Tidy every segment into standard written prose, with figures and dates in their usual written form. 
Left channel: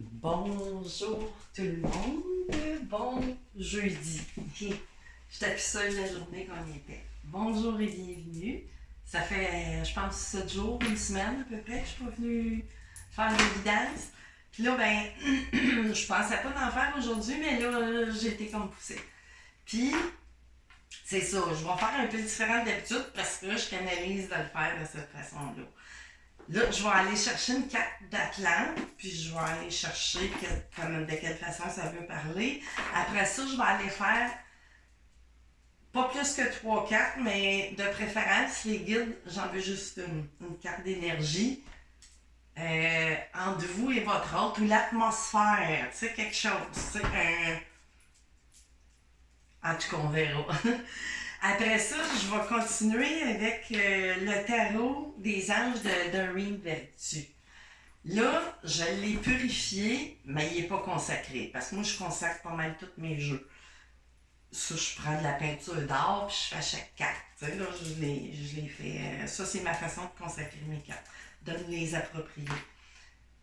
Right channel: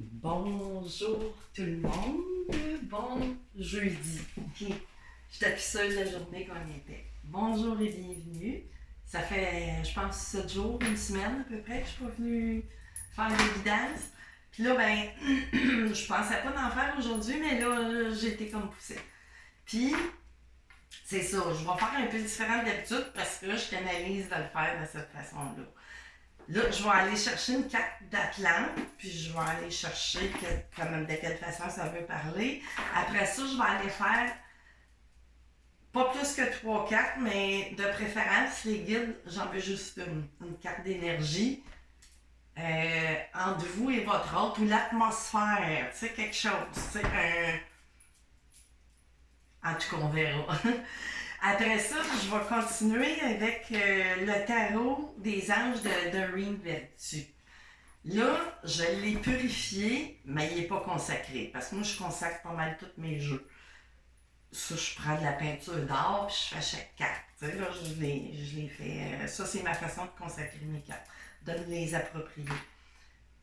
Bonjour tout le monde, bon jeudi. J'étais plus seule la journée qu'on y était. Bonjour et bienvenue. Ça fait, je pense, 7 jours, une semaine à peu près que je suis pas venue faire des guidances. Puis là, ben, je pensais pas d'en faire aujourd'hui, mais là, j'ai été comme poussée. Puis, c'est ça, je vais faire un peu différent d'habitude parce que je canalise de le faire de cette façon-là. Là, je vais aller chercher une carte d'Atlante, puis je vais aller chercher de quelle façon ça veut parler. Après ça, je vais aller faire pas plus que 3 cartes, mais de préférence, les guides, j'en veux juste une carte d'énergie. Entre vous et votre autre, ou l'atmosphère, tu sais, quelque chose. Tu sais, en tout cas, on verra. Après ça, je vais continuer avec le tarot des anges de Doreen Virtue. Là, je l'ai purifié, mais il n'est pas consacré. Parce que moi, je consacre pas mal tous mes jeux. Ça, je prends de la peinture d'or, puis je fais chaque carte. Tu sais, là, je l'ai fait. Ça, c'est ma façon de consacrer mes cartes. De me les approprier.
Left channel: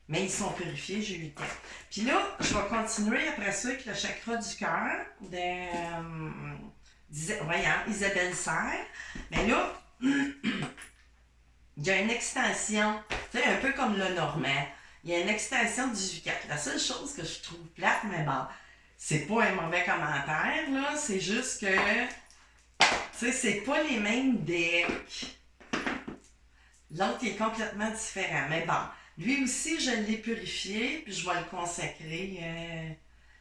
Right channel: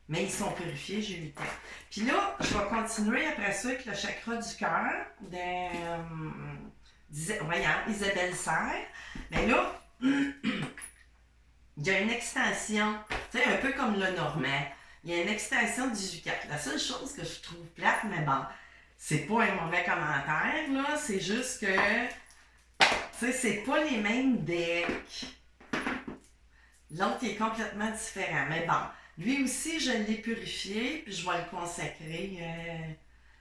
Mais ils sont purifiés, j'ai eu le temps. Puis là, je vais continuer après ça avec le chakra du cœur de Isabelle Serre. Mais là, il y a une extension, tu sais, un peu comme le normand. Il y a une extension du 18 4. La seule chose que je trouve plate, mais bon, c'est pas un mauvais commentaire, là. C'est juste que, tu sais, c'est pas les mêmes decks. L'autre est complètement différent. Mais bon, lui aussi, je l'ai purifié, puis je vais le consacrer.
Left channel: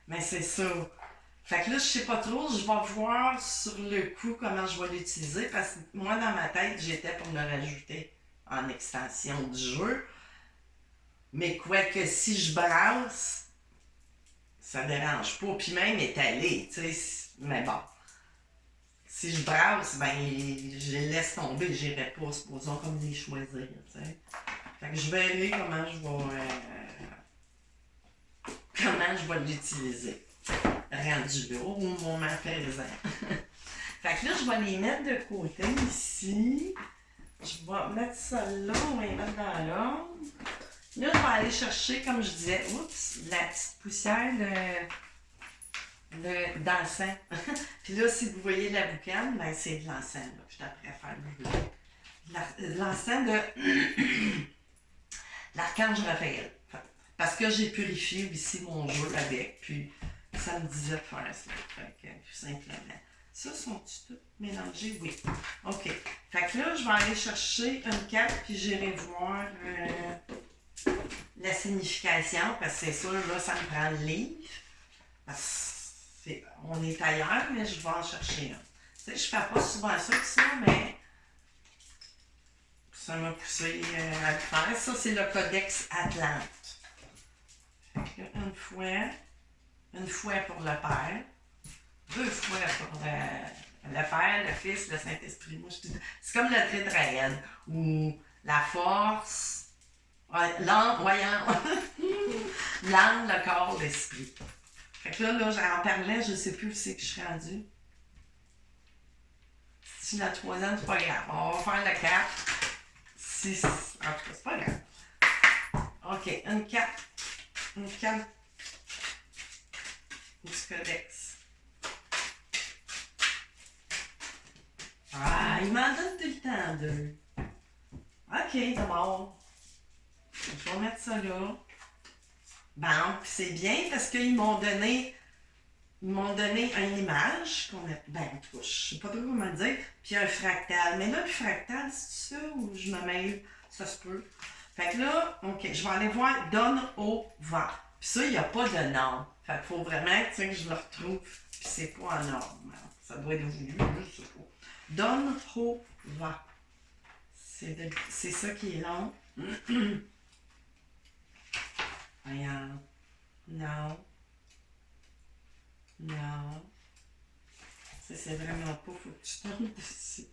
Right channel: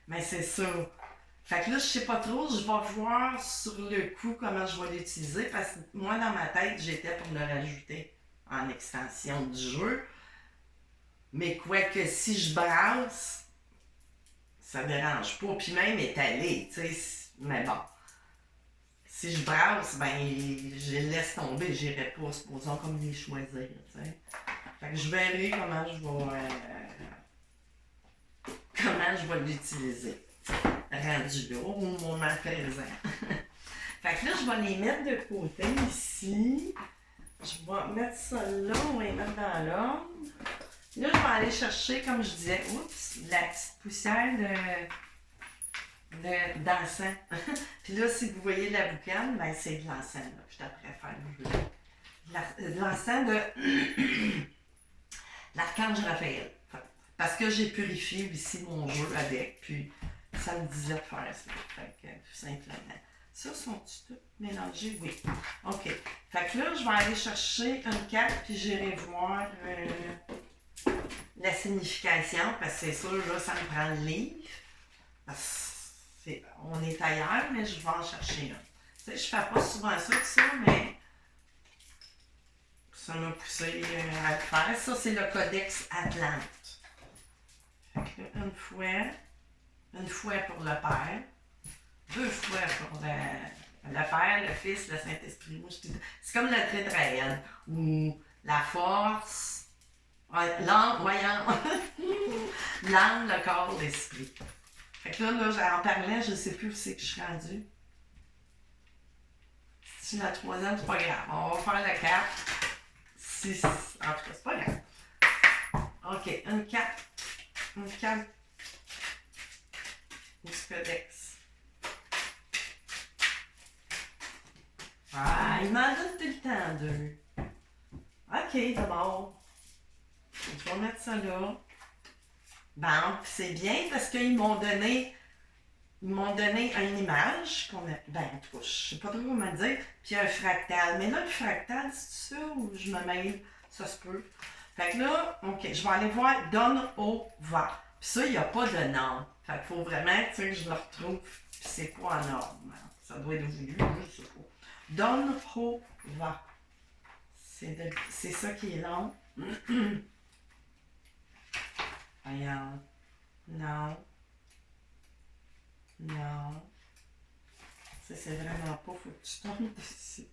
Mais c'est ça. Fait que là, je sais pas trop, je vais voir sur le coup comment je vais l'utiliser, parce que moi, dans ma tête, j'étais pour le rajouter en extension du jeu. Mais quoique si je brasse, ça dérange pas. Puis même étalé, tu sais. Mais bon. Si je brasse, ben, je les laisse tomber. J'irai pas, supposons, comme les choisir, tu sais. Fait que je verrai comment je vais l'utiliser. Rendu là, au moment présent. Fait que là, je vais les mettre de côté ici. Je vais mettre ça là, on va les mettre dans l'ordre. Là, je vais aller chercher, comme je disais, la petite poussière d'encens. Puis là, si vous voyez la boucane, ben c'est de l'encens, là. Je t'apprête à faire le jeu. L'encens de l'archange Raphaël. Parce que j'ai purifié aussi mon jeu avec, puis ça me disait de faire ça. Fait que, tout simplement. Ça, sont-ils tous mélangés? Oui. OK. Fait que là, je vais aller chercher une carte, puis j'irai voir la signification, parce que c'est sûr, là, ça me prend le livre. Parce on est ailleurs, mais je vais en chercher un. Tu sais, je fais pas souvent ça que ça, mais ça m'a poussé à le faire. Ça, c'est le Codex Atlante. Fait que là, une fois pour le Père, 2 fois pour le Père, le Fils, le Saint-Esprit. Moi, c'est comme le tétraède, ou la force, l'âme, l'âme, le corps, l'esprit. Fait que là, j'en parlais, je sais plus où c'est que je suis rendue. Si la 3e, c'est pas grave. On va faire la 4. En tout cas, c'est pas grave. OK, une 4. Une 4. Ou ce Codex. Ah, il m'en donne tout le temps 2. OK, d'abord. Je vais mettre ça là. Bon, c'est bien parce qu'ils m'ont donné une image qu'on a. Ben, en tout cas, je sais pas trop comment dire. Puis un fractal. Mais là, le fractal, c'est ça où je me mêle? Ça se peut. Fait que là, OK, je vais aller voir Donne au vent. Puis ça, il n'y a pas de nom. Fait qu'il faut vraiment que je le retrouve. Puis c'est pas en ordre. Ça doit être voulu, je sais pas. Donne au vent. C'est ça qui est long. Voyons. Non. Non. Ça, c'est vraiment pas. Faut que tu tombes dessus.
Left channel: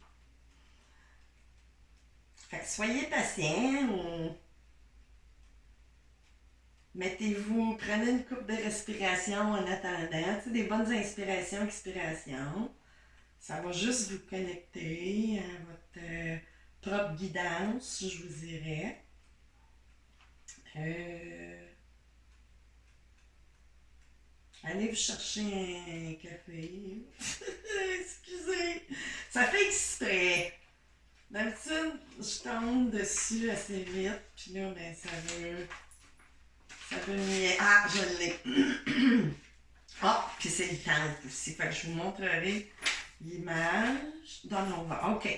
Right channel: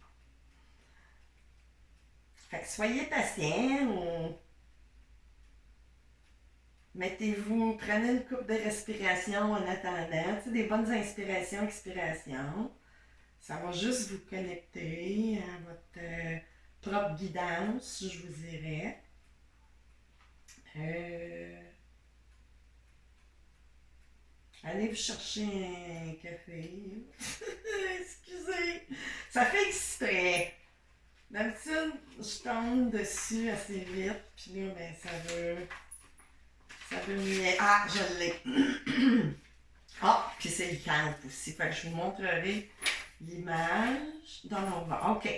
Fait que soyez patient ou mettez-vous, prenez une coupe de respiration en attendant. Tu sais, des bonnes inspirations, expirations. Ça va juste vous connecter à votre propre guidance, je vous dirais. allez vous chercher un café. Excusez. Ça fait exprès. D'habitude, je tombe dessus assez vite, puis là, ben, ça veut mieux. Ah, je l'ai. Ah, puis c'est le temple aussi. Fait que je vous montrerai l'image. Donova. OK.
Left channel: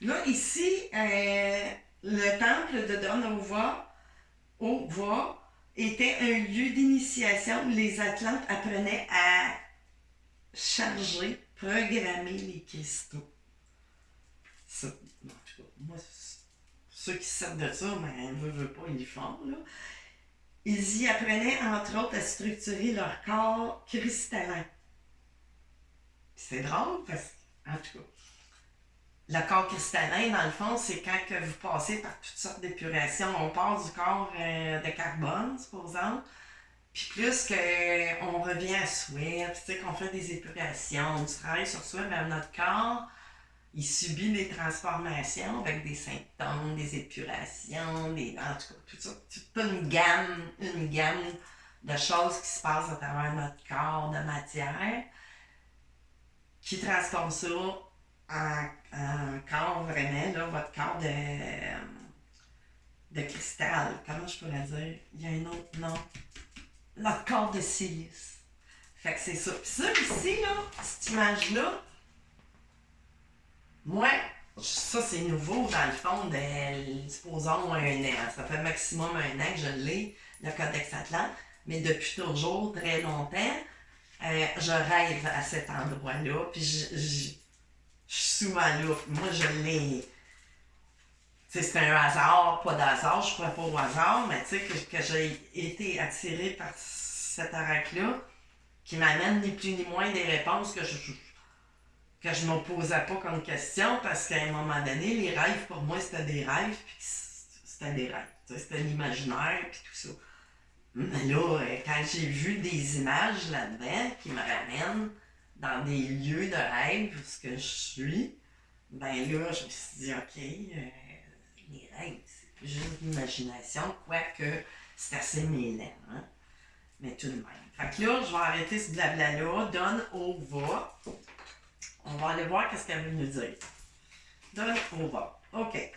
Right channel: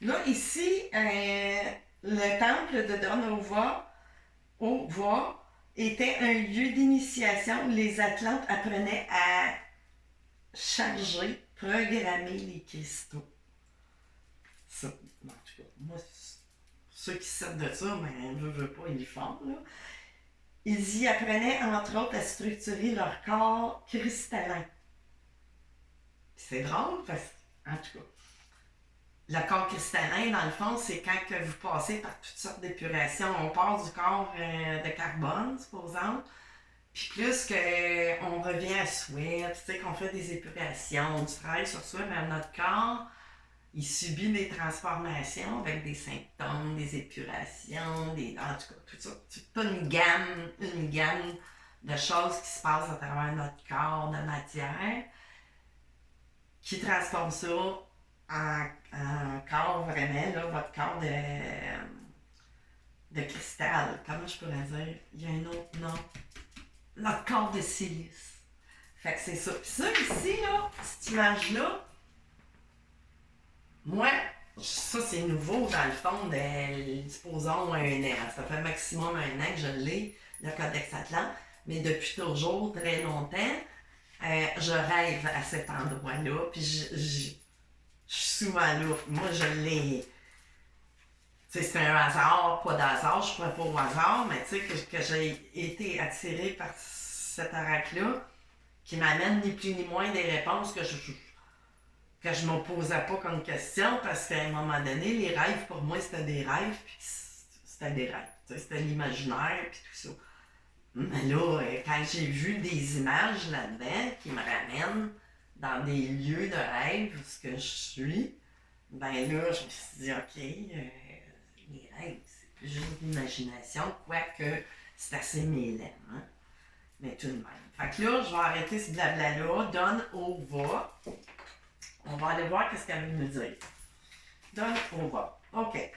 Là, ici, le temple de Donova était un lieu d'initiation où les Atlantes apprenaient à charger, programmer les cristaux. Ça, en tout cas, moi, ceux qui sortent de ça, ben, veut pas, ils le font, là. Ils y apprenaient, entre autres, à structurer leur corps cristallin. C'est drôle, parce que, en tout cas, le corps cristallin, dans le fond, c'est quand que vous passez par toutes sortes d'épurations. On part du corps de carbone, supposons, puis plus qu'on revient à soi, puis qu'on fait des épurations, du travail sur soi, mais notre corps, il subit des transformations avec des symptômes, des épurations, en tout cas, tout ça, toute une gamme de choses qui se passent à travers notre corps de matière qui transforme ça en corps vraiment, là, votre corps de cristal. Comment je pourrais dire? Il y a un autre nom. Notre corps de silice. Fait que c'est ça. Puis ça ici, là, cette image-là, moi, ça c'est nouveau dans le fond supposons un an. Ça fait maximum un an que je l'ai, le Codex Atlant, mais depuis toujours, très longtemps, je rêve à cet endroit-là, puis je suis souvent là. Moi, je l'ai. Tu sais, c'est un hasard, pas d'hasard, je crois pas au hasard, mais tu sais, que j'ai été attirée par cet oracle-là, qui m'amène ni plus ni moins des réponses que je me posais pas comme question, parce qu'à un moment donné, les rêves, pour moi, c'était des rêves, puis c'était des rêves. C'était l'imaginaire, puis tout ça. Mais là, quand j'ai vu des images là-dedans qui me ramènent dans des lieux de rêve, où ce que je suis, ben là, je me suis dit, OK, les rêves, c'est plus juste l'imagination, quoique c'est assez mêlant, hein? Mais tout de même. Fait que là, je vais arrêter ce blabla-là. Donne au va. On va aller voir qu'est-ce qu'elle veut nous dire. Donne au va. OK.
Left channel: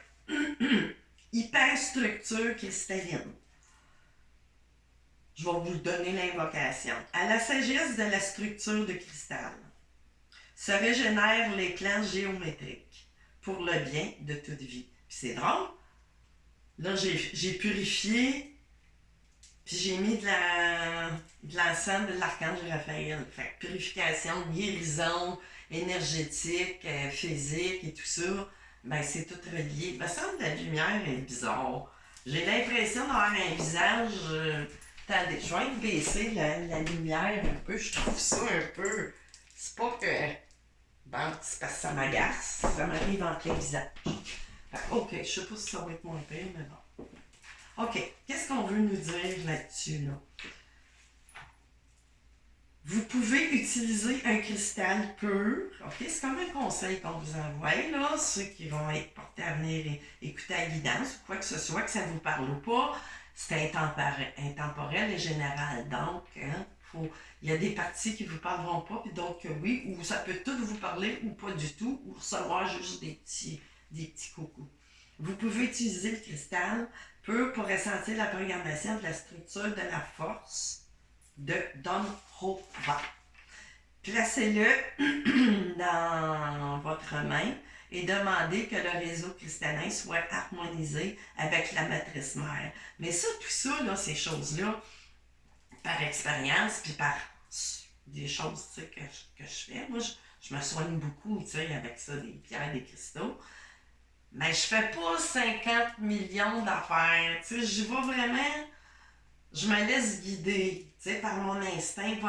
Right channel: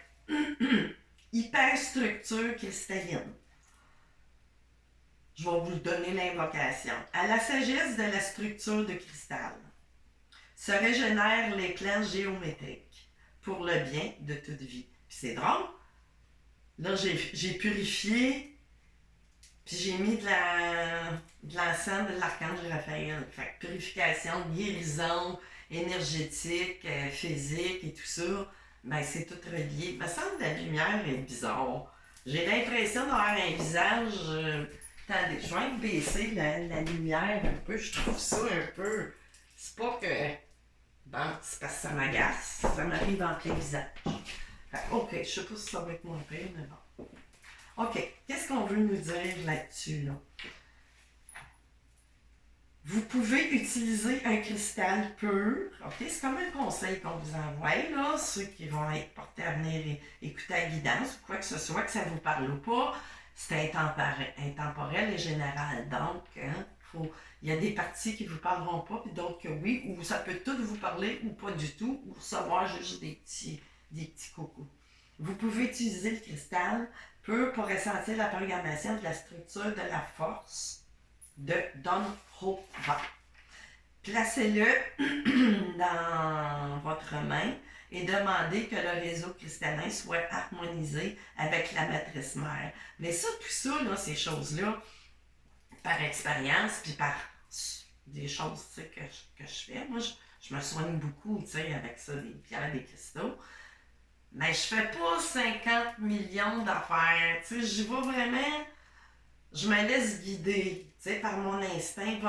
Hyperstructure cristalline. Je vais vous donner l'invocation. À la sagesse de la structure de cristal se régénèrent les plans géométriques pour le bien de toute vie. Puis c'est drôle. Là, j'ai purifié, puis j'ai mis de l'encens de l'archange Raphaël. Fait que purification, guérison énergétique, physique et tout ça, ben c'est tout relié. Il me semble que la lumière est bizarre. J'ai l'impression d'avoir un visage... attendez, je vais être baisser la lumière un peu. Je trouve ça un peu... C'est pas que... Bon, c'est parce que ça m'agace. Ça m'arrive en plein visage. OK, je sais pas si ça va être moins pire, mais bon. OK, qu'est-ce qu'on veut nous dire là-dessus, là? Vous pouvez utiliser un cristal pur. OK, c'est comme un conseil qu'on vous envoie, là. Ceux qui vont être portés à venir écouter la guidance ou quoi que ce soit, que ça ne vous parle pas, c'est intemporel et général. Donc, hein, il y a des parties qui ne vous parleront pas, puis d'autres que oui, ou ça peut tout vous parler ou pas du tout, ou recevoir juste des petits coucous. Vous pouvez utiliser le cristal pur pour ressentir la programmation de la structure de la force de Donhova. Placez-le dans votre main et demandez que le réseau cristallin soit harmonisé avec la matrice mère. Mais ça, tout ça, là, ces choses-là, par expérience, puis par des choses que je fais, moi, je me soigne beaucoup avec ça, des pierres, des cristaux. Mais je fais pas 50 millions d'affaires. J'y vais vraiment... Je me laisse guider par mon instinct.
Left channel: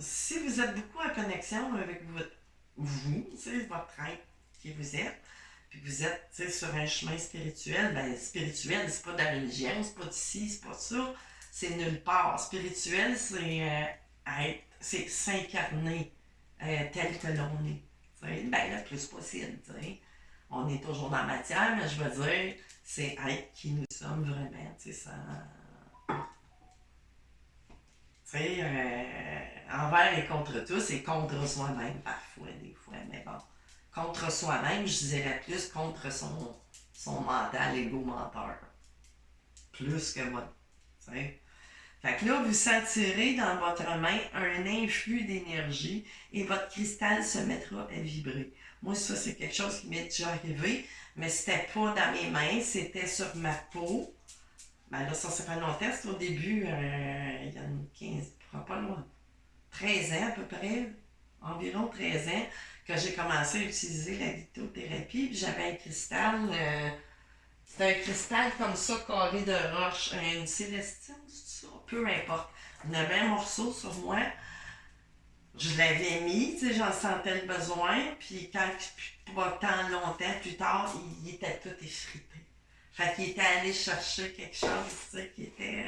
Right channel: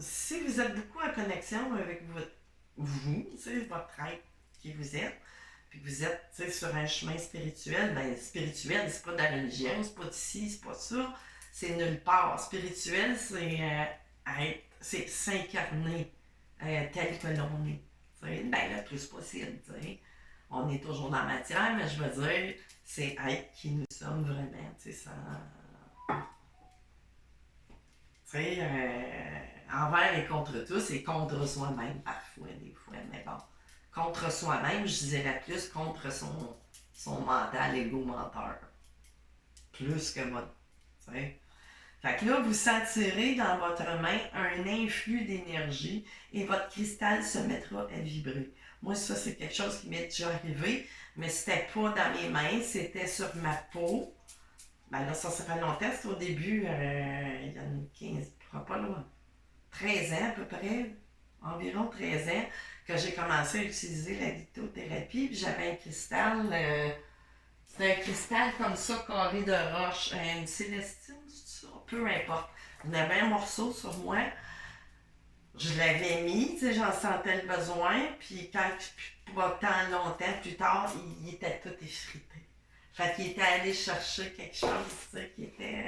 Si vous êtes beaucoup en connexion avec votre être qui vous êtes, puis que vous êtes sur un chemin spirituel, ben spirituel, c'est pas de la religion, c'est pas d'ici, c'est pas ça, c'est nulle part. Spirituel, c'est s'incarner tel que l'on est. Ben le plus possible. On est toujours dans la matière, mais je veux dire, c'est être qui nous sommes vraiment. Ça. envers et contre tous et contre soi-même parfois, des fois, mais bon. Contre soi-même, je dirais plus contre son mental égo-menteur. Plus que moi. T'sais. Fait que là, vous sentirez dans votre main un influx d'énergie et votre cristal se mettra à vibrer. Moi, ça, c'est quelque chose qui m'est déjà arrivé, mais c'était pas dans mes mains, c'était sur ma peau. Ben là, ça fait longtemps, c'était au début, il y a une 15, pas loin, 13 ans à peu près, environ 13 ans, que j'ai commencé à utiliser la lithothérapie. Puis j'avais un cristal, c'était un cristal comme ça, carré de roche, une célestine, c'est ça, peu importe. J'avais un morceau sur moi, je l'avais mis, tu sais, j'en sentais le besoin, puis quand, pas tant longtemps plus tard, il était tout effrité. Fait qu'il était allé chercher quelque chose, tu sais, qui était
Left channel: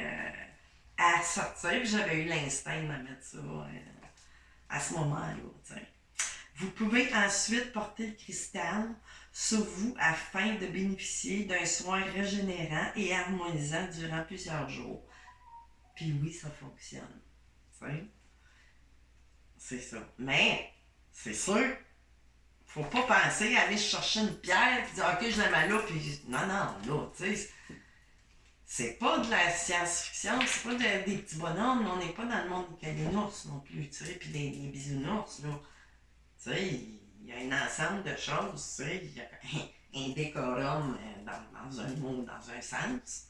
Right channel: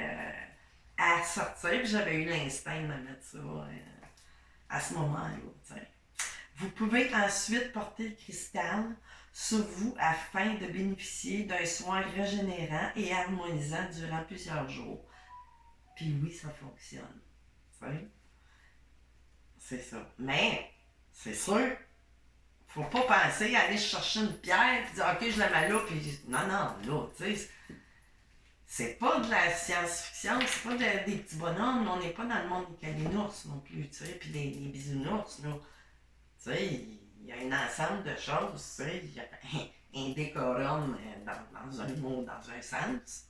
à sortir, puis j'avais eu l'instinct de mettre ça à ce moment-là, tu sais. Vous pouvez ensuite porter le cristal sur vous afin de bénéficier d'un soin régénérant et harmonisant durant plusieurs jours. Puis oui, ça fonctionne. Tu sais? C'est ça. Mais, c'est sûr, faut pas penser à aller chercher une pierre et dire OK, je la mets là, puis non, là, tu sais. C'est pas de la science-fiction, c'est pas des petits bonhommes, on n'est pas dans le monde des calinours non plus, tu sais, puis des bisounours, là. Tu sais, il y a un ensemble de choses, tu sais, il y a un décorum dans un mot, dans un sens,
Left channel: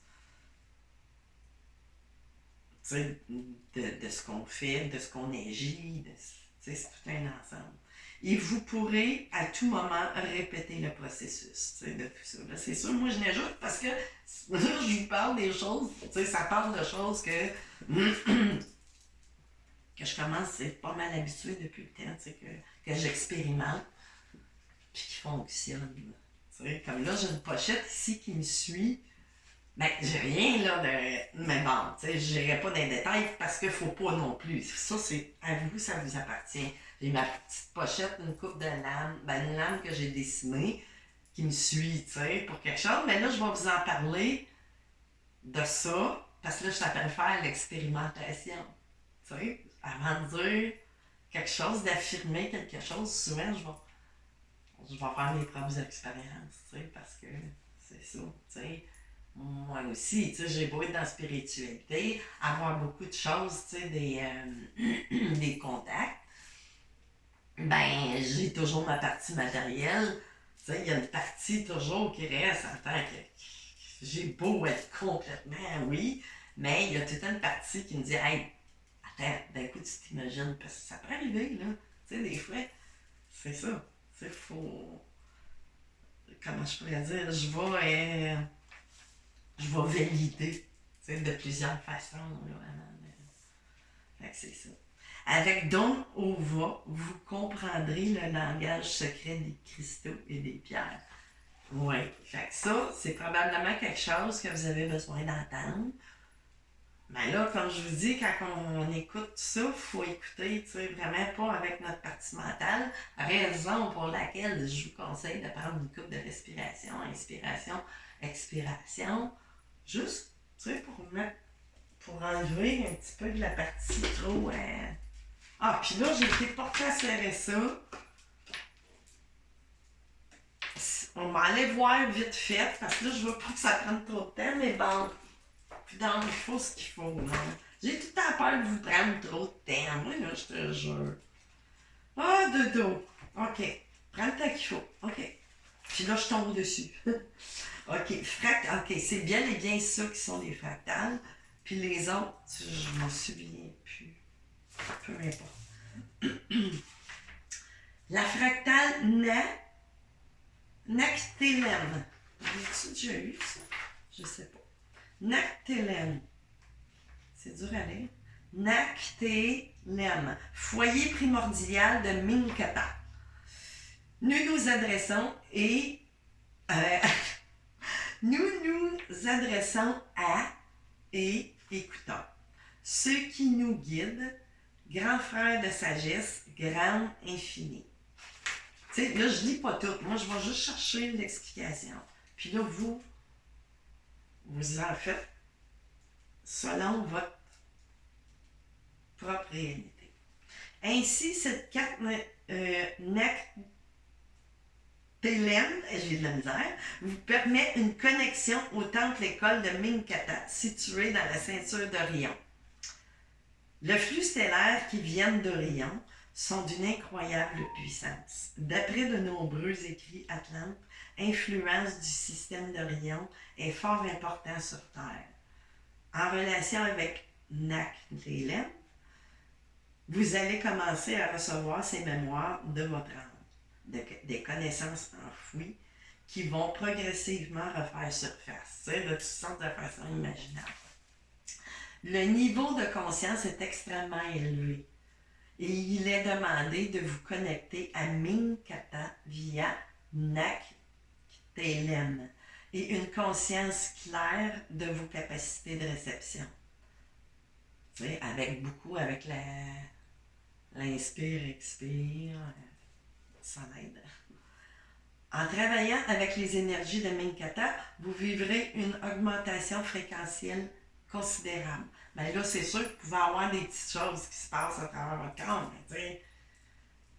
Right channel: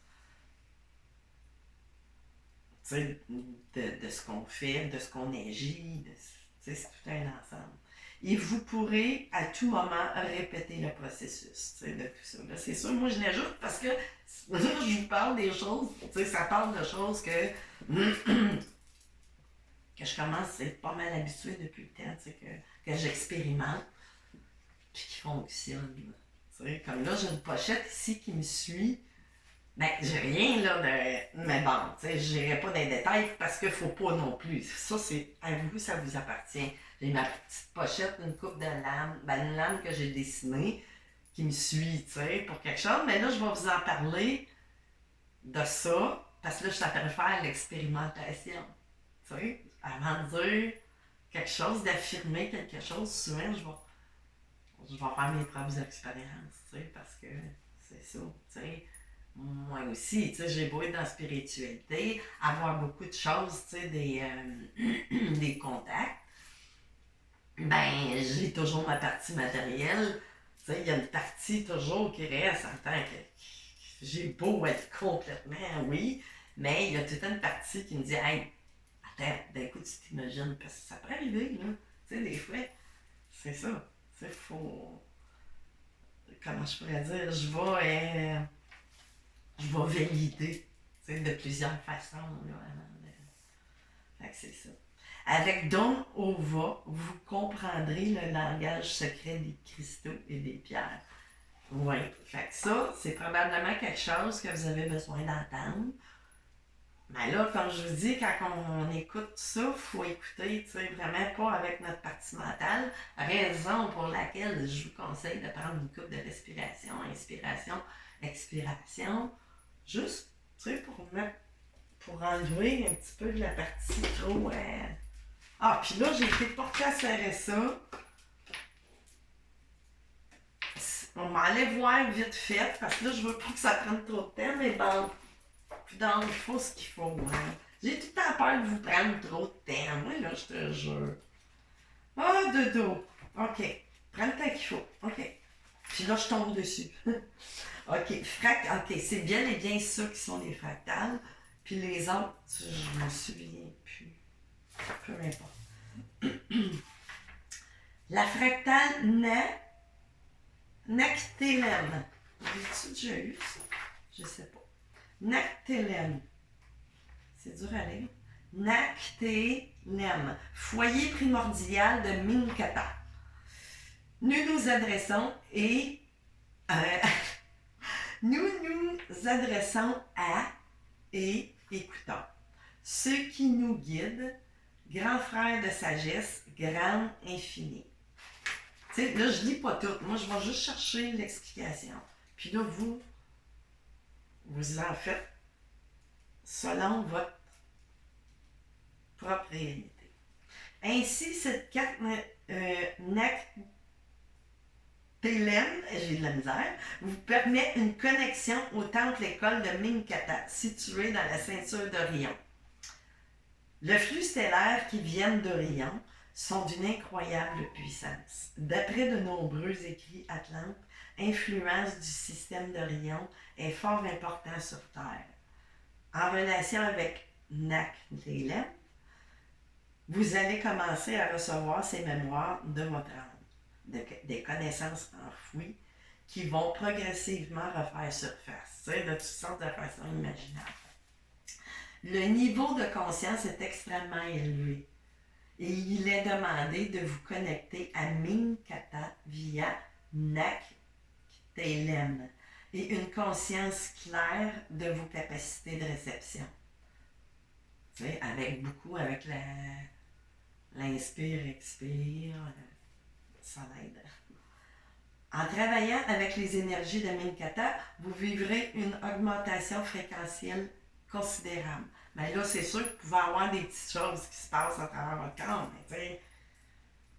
tu sais, de ce qu'on fait, de ce qu'on agit, tu sais, c'est tout un ensemble. Et vous pourrez à tout moment répéter le processus, tu sais, de tout ça. Là, c'est sûr, moi je n'ajoute parce que là, je vous parle des choses, tu sais, ça parle de choses que je commence à être pas mal habituée depuis le temps, tu sais, que j'expérimente, puis qui fonctionne. Tu sais, comme là, j'ai une pochette ici qui me suit. Ben, j'ai rien là de. Mais bon, tu sais, je n'irai pas dans les détails parce qu'il faut pas non plus. Ça, c'est à vous, ça vous appartient. J'ai ma petite pochette, une coupe de lames, ben, une lame que j'ai dessinée qui me suit, tu sais, pour quelque chose. Mais là, je vais vous en parler de ça parce que là, je t'appelle faire l'expérimentation. Tu sais, avant de dire quelque chose, d'affirmer quelque chose, souvent, je vais faire mes propres expériences, tu sais, parce que c'est ça, tu sais. Moi aussi, tu sais, j'ai beau être dans la spiritualité, avoir beaucoup de choses, tu sais, des contacts, ben, j'ai toujours ma partie matérielle, tu sais, il y a une partie toujours qui reste en tant que j'ai beau être complètement, oui, mais il y a toute une partie qui me dit, hey, attends, d'un coup, tu t'imagines, parce que ça peut arriver, là, tu sais, des fois, c'est ça, tu sais, faut, comment je pourrais dire, je vais valider, tu sais, de plusieurs façons, là, avant de... Fait que c'est ça. Avec Don Ova, vous comprendrez le langage secret des cristaux et des pierres. Oui, fait que ça, c'est probablement quelque chose que vous avez besoin d'entendre. Mais là, comme je vous dis, quand on écoute ça, il faut écouter, tu sais, vraiment pas avec notre partie mentale. Raison pour laquelle je vous conseille de prendre une coupe de respiration, inspiration, expiration. Juste, tu sais, pour enlever un petit peu de la partie trop... Ah, puis là, j'ai été portée à serrer ça. On m'allait voir vite fait, parce que là, je veux pas que ça prenne trop de temps, mais bon, donc, il faut ce qu'il faut, hein. J'ai tout le temps peur de vous prendre trop de temps. Moi, là, je te jure. Ah, dodo. OK. Prends le temps qu'il faut. OK. Puis là, je tombe dessus. OK. OK, c'est bien et bien ça qui sont les fractales. Puis les autres, je me souviens plus. Peu importe. La fractale Nactélème. As-tu déjà eu ça? Je sais pas. Nactélème. C'est dur à lire. Nactélème. Foyer primordial de Minkata. Nous nous adressons et... nous nous adressons à et écoutons. Ceux qui nous guident, grand frère de sagesse, grand infini. Tu sais, là, je lis pas tout. Moi, je vais juste chercher l'explication. Puis là, vous en faites selon votre propre réalité. Ainsi, cette carte Télème, j'ai de la misère, vous permet une connexion au temple école de Minkata, situé dans la ceinture d'Orion. Le flux stellaire qui viennent d'Orion sont d'une incroyable puissance. D'après de nombreux écrits atlantes, l'influence du système d'Orion est fort important sur Terre. En relation avec Nak-Télème, vous allez commencer à recevoir ces mémoires de votre âme. Des connaissances enfouies qui vont progressivement refaire surface, de toutes sortes de façons imaginables. Le niveau de conscience est extrêmement élevé et il est demandé de vous connecter à Minkata via Nak-Télème et une conscience claire de vos capacités de réception. Avec l'inspire, expire, ça l'aide. En travaillant avec les énergies de Minkata, vous vivrez une augmentation fréquentielle considérable. Mais là, c'est sûr que vous pouvez avoir des petites choses qui se passent à travers votre corps, mais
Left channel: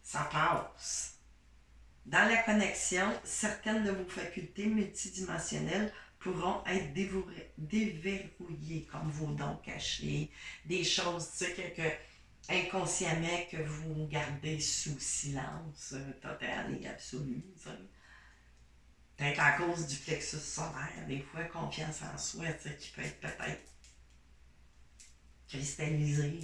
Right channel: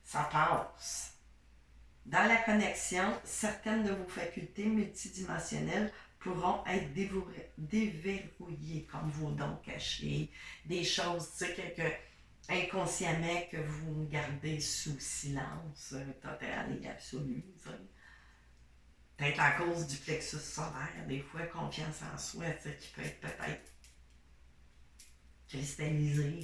ça passe. Dans la connexion, certaines de vos facultés multidimensionnelles pourront être déverrouillées, comme vos dons cachés, des choses, inconsciemment que vous gardez sous silence total et absolu. Peut-être à cause du plexus solaire, des fois, confiance en soi, qui peut être peut-être cristallisé.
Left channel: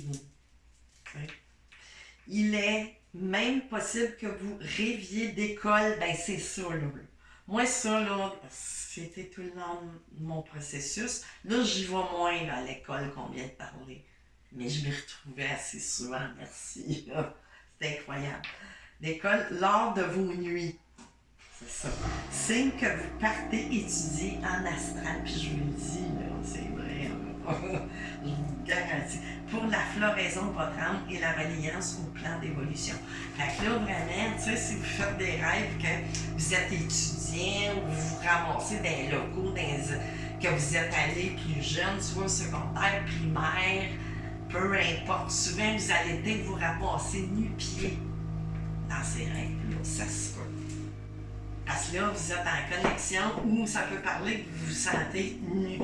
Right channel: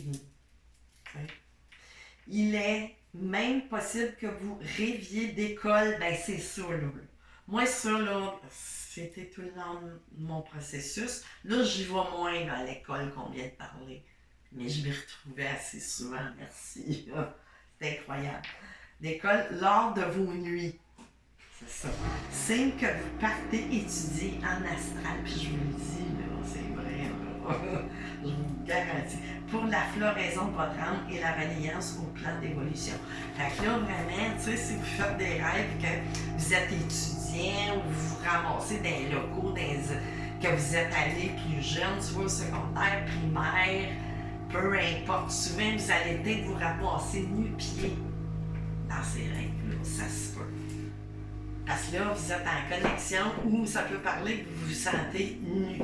Il est même possible que vous rêviez d'école, c'est ça, là. Moi, ça, là, c'était tout le long de mon processus. Là, j'y vais moins à l'école qu'on vient de parler. Mais je m'y retrouvais assez souvent, merci. C'était incroyable. L'école, lors de vos nuits. C'est ça. Signe que vous partez étudier en astral, puis je vous le dis, là, c'est vrai, là. Je vous garantis. Pour la floraison de votre âme et la reliance au plan d'évolution. Fait que là, vraiment, si vous faites des rêves que vous êtes étudiant ou vous vous ramassez dans les locaux, que vous êtes allé plus jeune, soit au secondaire, primaire, peu importe, souvent vous allez peut-être vous ramasser nu-pied dans ces rêves-là, ça se peut. Parce que là, vous êtes en connexion ou ça peut parler que vous vous sentez nu.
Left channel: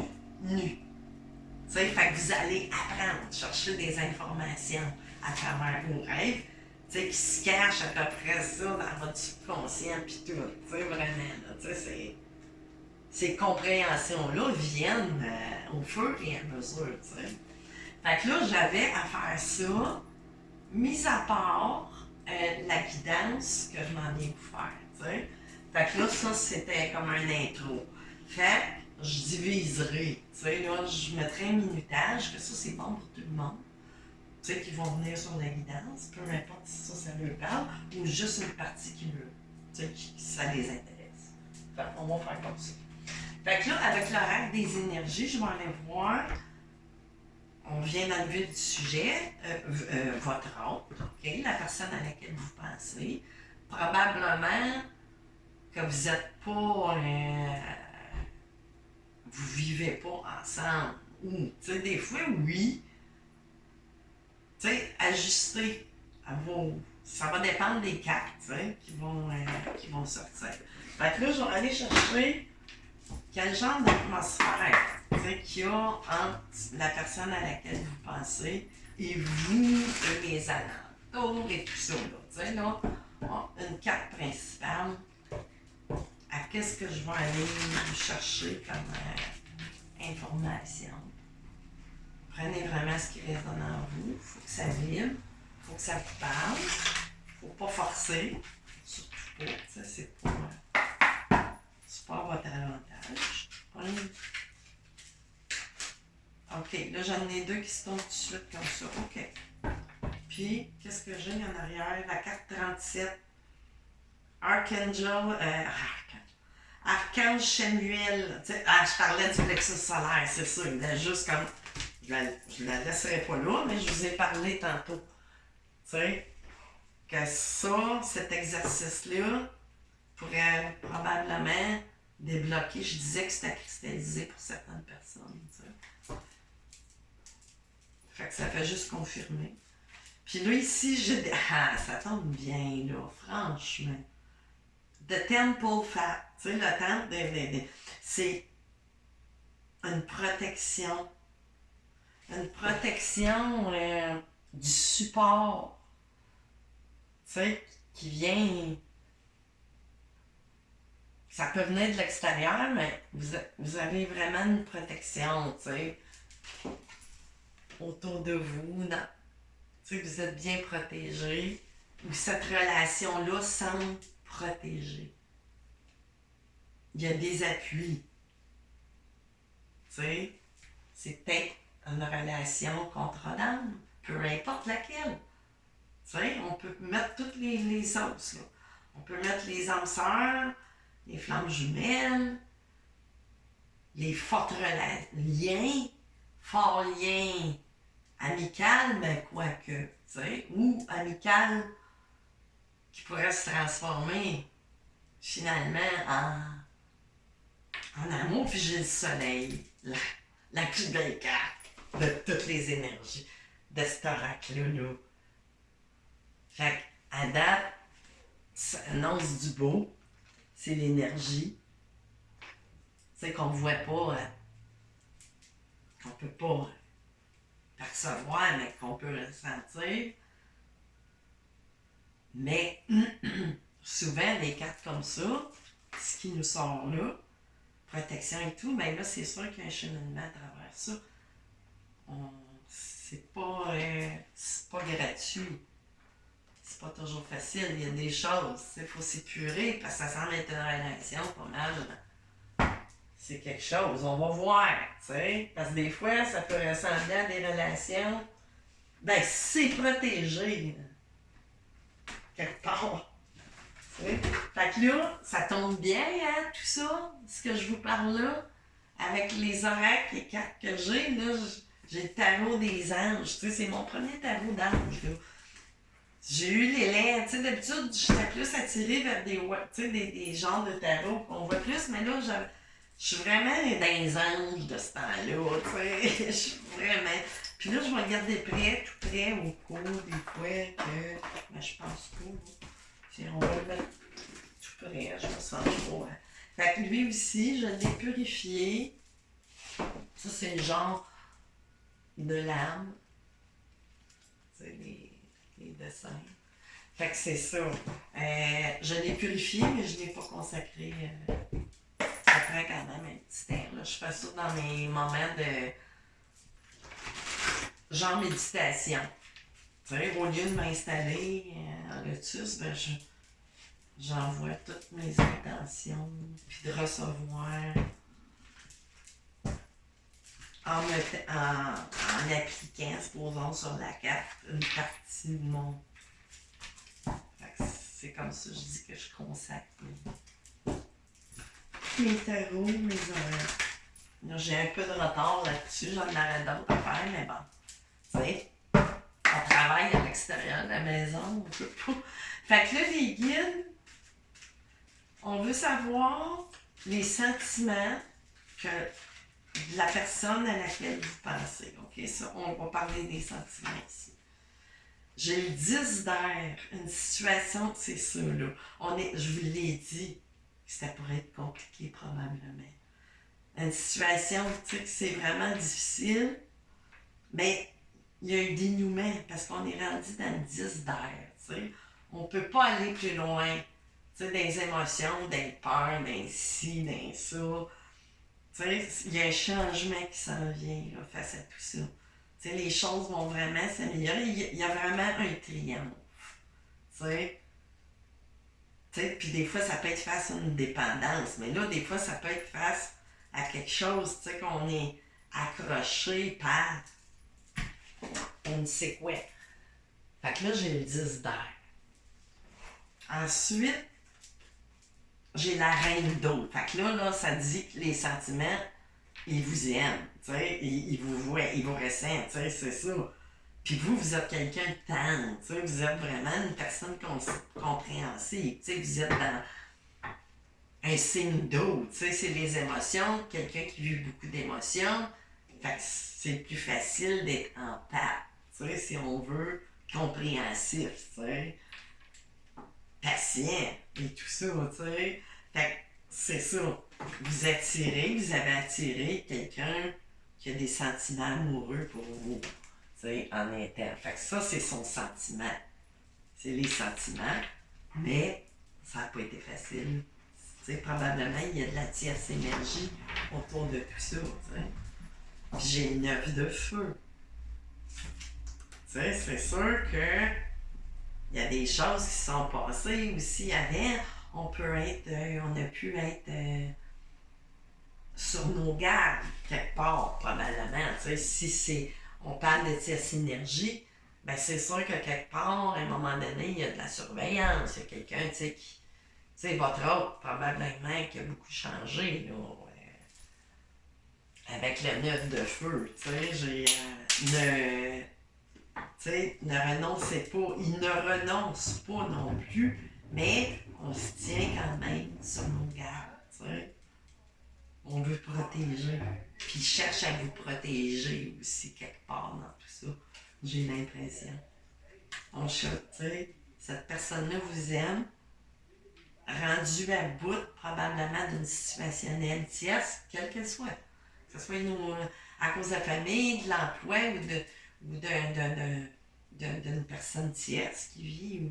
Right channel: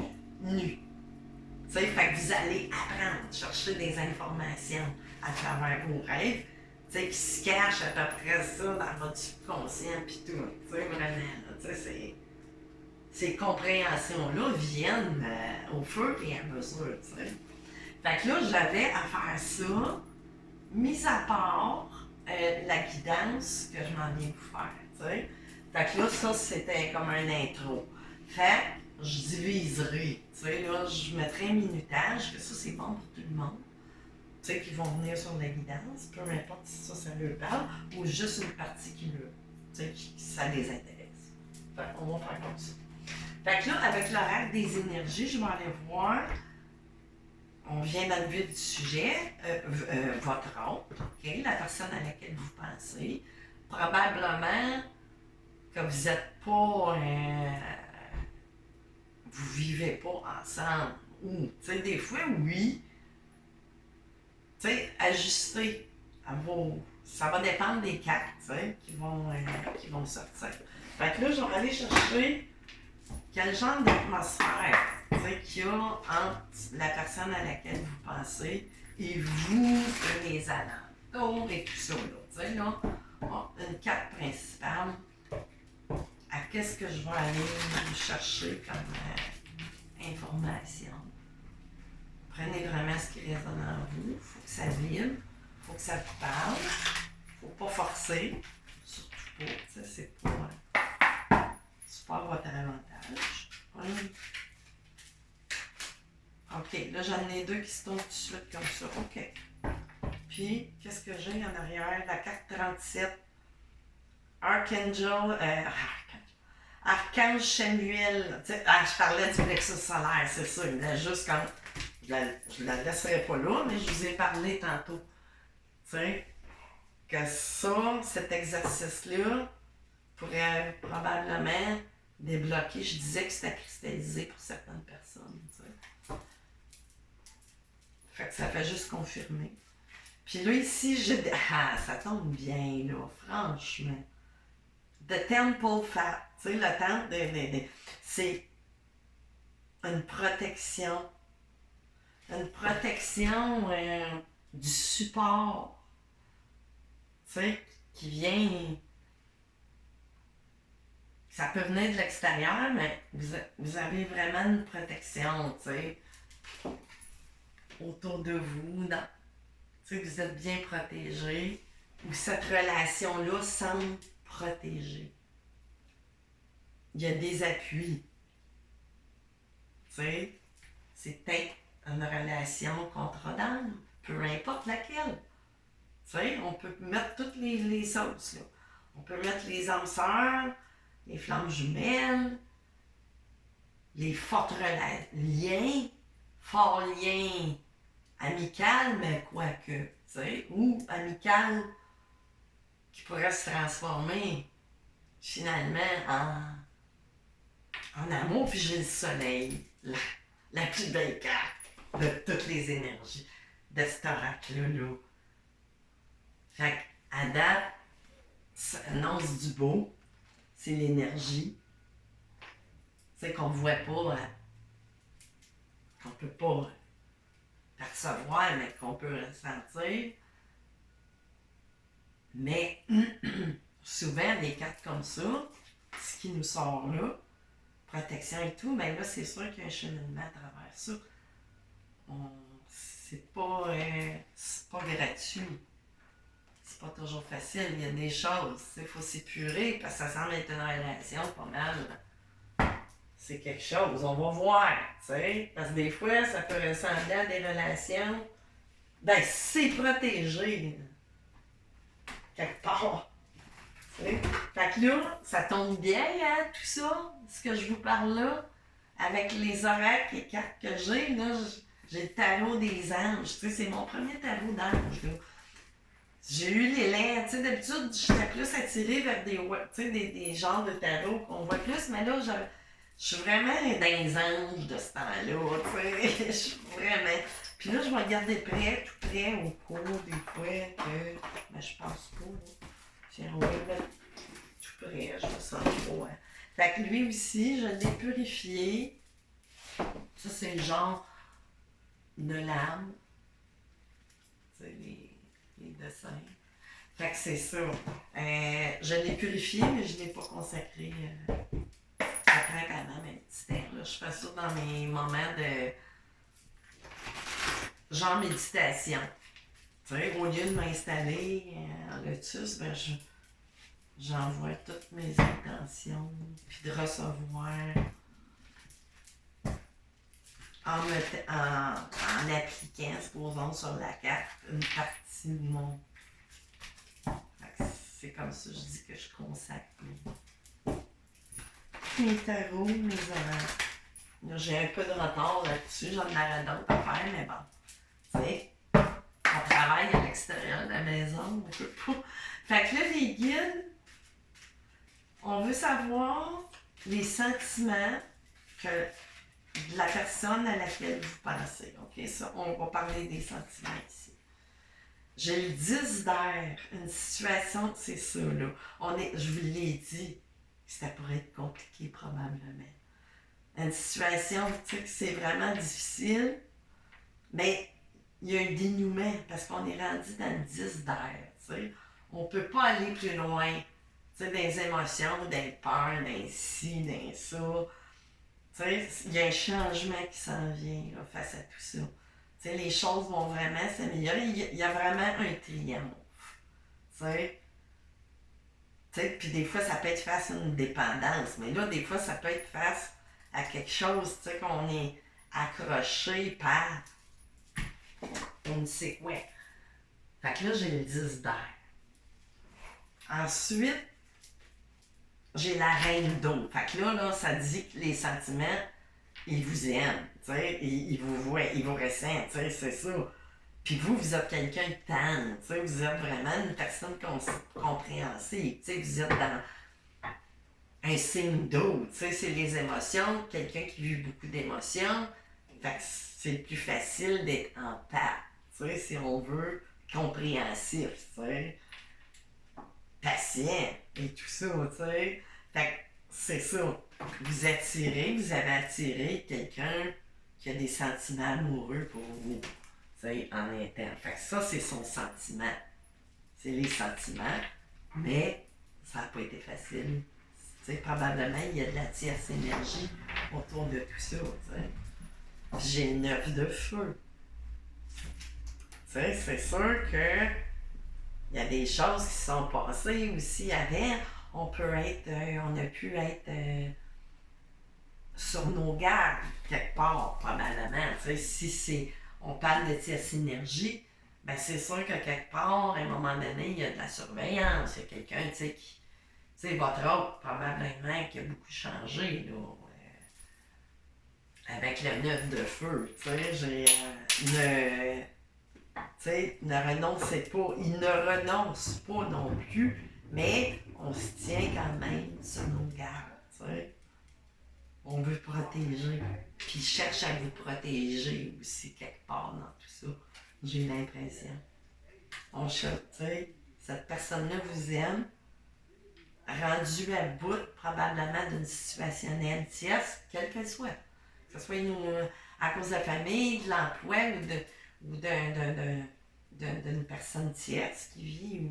Fait que vous allez apprendre, chercher des informations à travers vos rêves, qui se cachent à peu près ça dans votre subconscient pis tout. Vraiment, là, ces compréhensions-là viennent au fur et à mesure, Fait que là, j'avais à faire ça, mis à part la guidance que je m'en viens vous faire, Fait que là, ça, c'était comme un intro. Fait que je diviserai, là, je mettrai un minutage, que ça, c'est bon pour tout le monde, qui vont venir sur la guidance, peu importe si ça leur parle, ou juste une partie qui ça les intéresse. Fait qu'on va faire comme ça. Fait que là, avec l'horaire des énergies, je vais aller voir. On vient dans le vif du sujet, votre autre, OK, la personne à laquelle vous pensez. Probablement que vous n'êtes pas, vous vivez pas ensemble. Ou, des fois, oui, ajuster à vos. Ça va dépendre des cartes, qui vont sortir. Fait que là, je vais aller chercher quel genre d'atmosphère qu'il y a entre la personne à laquelle vous pensez et vous, les alentours et tout ça. Là, une carte principale. À qu'est-ce que je vais aller chercher comme information. Prenez vraiment ce qui résonne en vous. Il faut que ça vibre. Il faut que ça vous parle. Il ne faut pas forcer. Surtout pas. C'est pas à votre avantage. OK, là j'en ai deux qui se tournent tout de suite comme ça. OK. Puis, qu'est-ce que j'ai en arrière? La carte 37. Archange Samuel. Je parlais du plexus solaire, c'est ça. Il est juste comme. Je la laisserai pas là, mais je vous ai parlé tantôt. Que ça, cet exercice-là, pourrait probablement débloquer. Je disais que c'était cristallisé pour certaines personnes. Fait que ça fait juste confirmer. Puis là, ici, ah, ça tombe bien, là, franchement. The Temple Fat. Tu sais, le temple, c'est une protection. Une protection du support. Tu sais, qui vient. Ça peut venir de l'extérieur, mais vous avez vraiment une protection, tu sais, autour de vous. Tu sais, vous êtes bien protégé. Ou cette relation-là semble protégée. Il y a des appuis. Tu sais, c'est peut-être une relation contre-dame, peu importe laquelle. Tu sais, on peut mettre toutes les sauces, là. On peut mettre les âmes sœurs, les flammes jumelles, les forts liens, forts liens amical, mais quoique, tu sais, ou amical qui pourrait se transformer finalement en amour, puis j'ai le soleil, la plus belle carte de toutes les énergies de cet oracle-là. Fait qu'à date, ça annonce du beau, c'est l'énergie, tu sais, qu'on ne voit pas, qu'on ne peut pas percevoir, mais qu'on peut ressentir. Mais souvent, des cartes comme ça, ce qui nous sort là, protection et tout, mais là, c'est sûr qu'il y a un cheminement à travers ça. C'est pas gratuit. C'est pas toujours facile. Il y a des choses. Il faut s'épurer parce que ça semble être une relation pas mal. C'est quelque chose. On va voir, tu sais. Parce que des fois, ça peut ressembler à des relations. Ben, c'est protégé. Quelque part. T'sais. Fait que là, ça tombe bien, hein, tout ça, ce que je vous parle là, avec les oracles et cartes que j'ai, là, j'ai le tarot des anges, tu sais, c'est mon premier tarot d'ange, là. J'ai eu l'élan, tu sais, d'habitude, j'étais plus attirée vers des genres de tarot qu'on voit plus, mais là, je suis vraiment dans les anges de ce temps-là, tu sais, je suis vraiment... Puis là, je vais regarder tout près, au cours, des fois, que... Mais je pense pas, là. Tiens, on va le mettre tout près, je me sens trop. Hein. Fait que lui aussi, je l'ai purifié. Ça, c'est le genre de l'âme. C'est les dessins. Fait que c'est ça. Je l'ai purifié, mais je ne l'ai pas consacré. Ça prend quand même un petit temps. Là. Je fais ça dans mes moments de genre méditation. Tu sais, au lieu de m'installer en lotus, ben j'envoie toutes mes intentions, puis de recevoir en appliquant, supposons, sur la carte, une partie de mon... C'est comme ça, je dis que je consacre mes tarots, mes oracles. J'ai un peu de retard là-dessus, j'en aurais d'autres à faire, mais bon, tu sais, on travaille à l'extérieur de la maison, on peut pas. Fait que là, les guides, on veut savoir les sentiments que de la personne à laquelle vous pensez. OK? Ça, on va parler des sentiments ici. J'ai le 10 d'air, une situation, c'est ça, là. Je vous l'ai dit, ça pourrait être compliqué probablement. Une situation, tu sais, que c'est vraiment difficile, mais il y a un dénouement parce qu'on est rendu dans le 10 d'air, tu sais. On ne peut pas aller plus loin. Tu sais, des émotions, des peurs, des ci, des ça. Tu sais, il y a un changement qui s'en vient là, face à tout ça. Tu sais, les choses vont vraiment s'améliorer. Il y a vraiment un triomphe. Tu sais, puis des fois, ça peut être face à une dépendance. Mais là, des fois, ça peut être face à quelque chose, tu sais, qu'on est accroché par on ne sait quoi. Fait que là, j'ai le 10 d'air. Ensuite, j'ai la reine d'eau. Fait que là, ça dit que les sentiments, ils vous aiment, tu sais, ils vous voient, ils vous ressentent, tu sais, c'est ça. Puis vous êtes quelqu'un de tendre, tu sais, vous êtes vraiment une personne compréhensive, tu sais, vous êtes dans un signe d'eau, tu sais, c'est les émotions, quelqu'un qui vit beaucoup d'émotions, fait que c'est plus facile d'être en paix, tu sais, si on veut compréhensif, tu sais, patient et tout ça, tu sais. Fait que c'est ça. Vous avez attiré quelqu'un qui a des sentiments amoureux pour vous, tu sais, en interne. Fait que ça, c'est son sentiment. C'est les sentiments, mais ça n'a pas été facile. Tu sais, probablement, il y a de la tierce énergie autour de tout ça, tu sais. Puis j'ai 9 de feu. Tu sais, c'est sûr que il y a des choses qui sont passées aussi avant. On a pu être sur nos gardes quelque part, probablement. Tu sais, on parle de tierce énergie, ben c'est sûr que quelque part, à un moment donné, il y a de la surveillance. Il y a quelqu'un, tu sais, qui, tu sais, votre autre, probablement, qui a beaucoup changé, là. Avec le 9 de feu, tu sais, ne renoncez pas. Il ne renonce pas non plus, mais on se tient quand même sur nos gardes, tu sais. On veut protéger. Puis il cherche à vous protéger aussi quelque part dans tout ça. J'ai l'impression. On cherche, tu sais, cette personne-là vous aime, rendue à bout probablement d'une situation tierce, quelle qu'elle soit. Que ce soit à cause de la famille, de l'emploi d'une personne tierce qui vit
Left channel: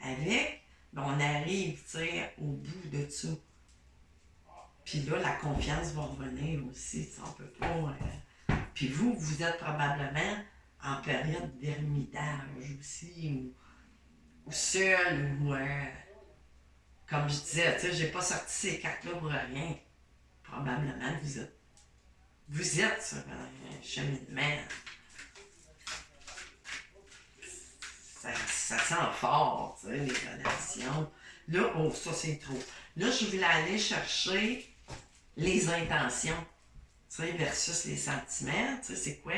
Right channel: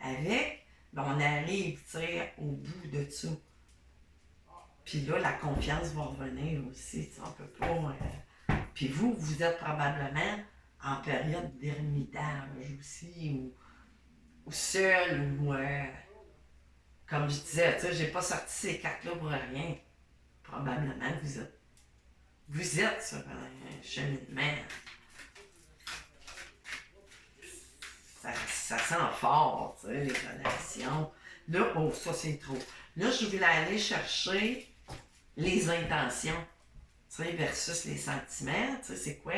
avec, ben on arrive, tu sais, au bout de ça. Puis là, la confiance va revenir aussi, on peut pas... Puis vous êtes probablement en période d'ermitage aussi, ou seul, ou... comme je disais, tu sais, j'ai pas sorti ces cartes-là pour rien. Probablement que vous êtes sur un cheminement. Ça sent fort, tu sais, les relations. Là, oh, ça c'est trop. Là, je voulais aller chercher les intentions, tu sais, versus les sentiments. Tu sais, c'est quoi?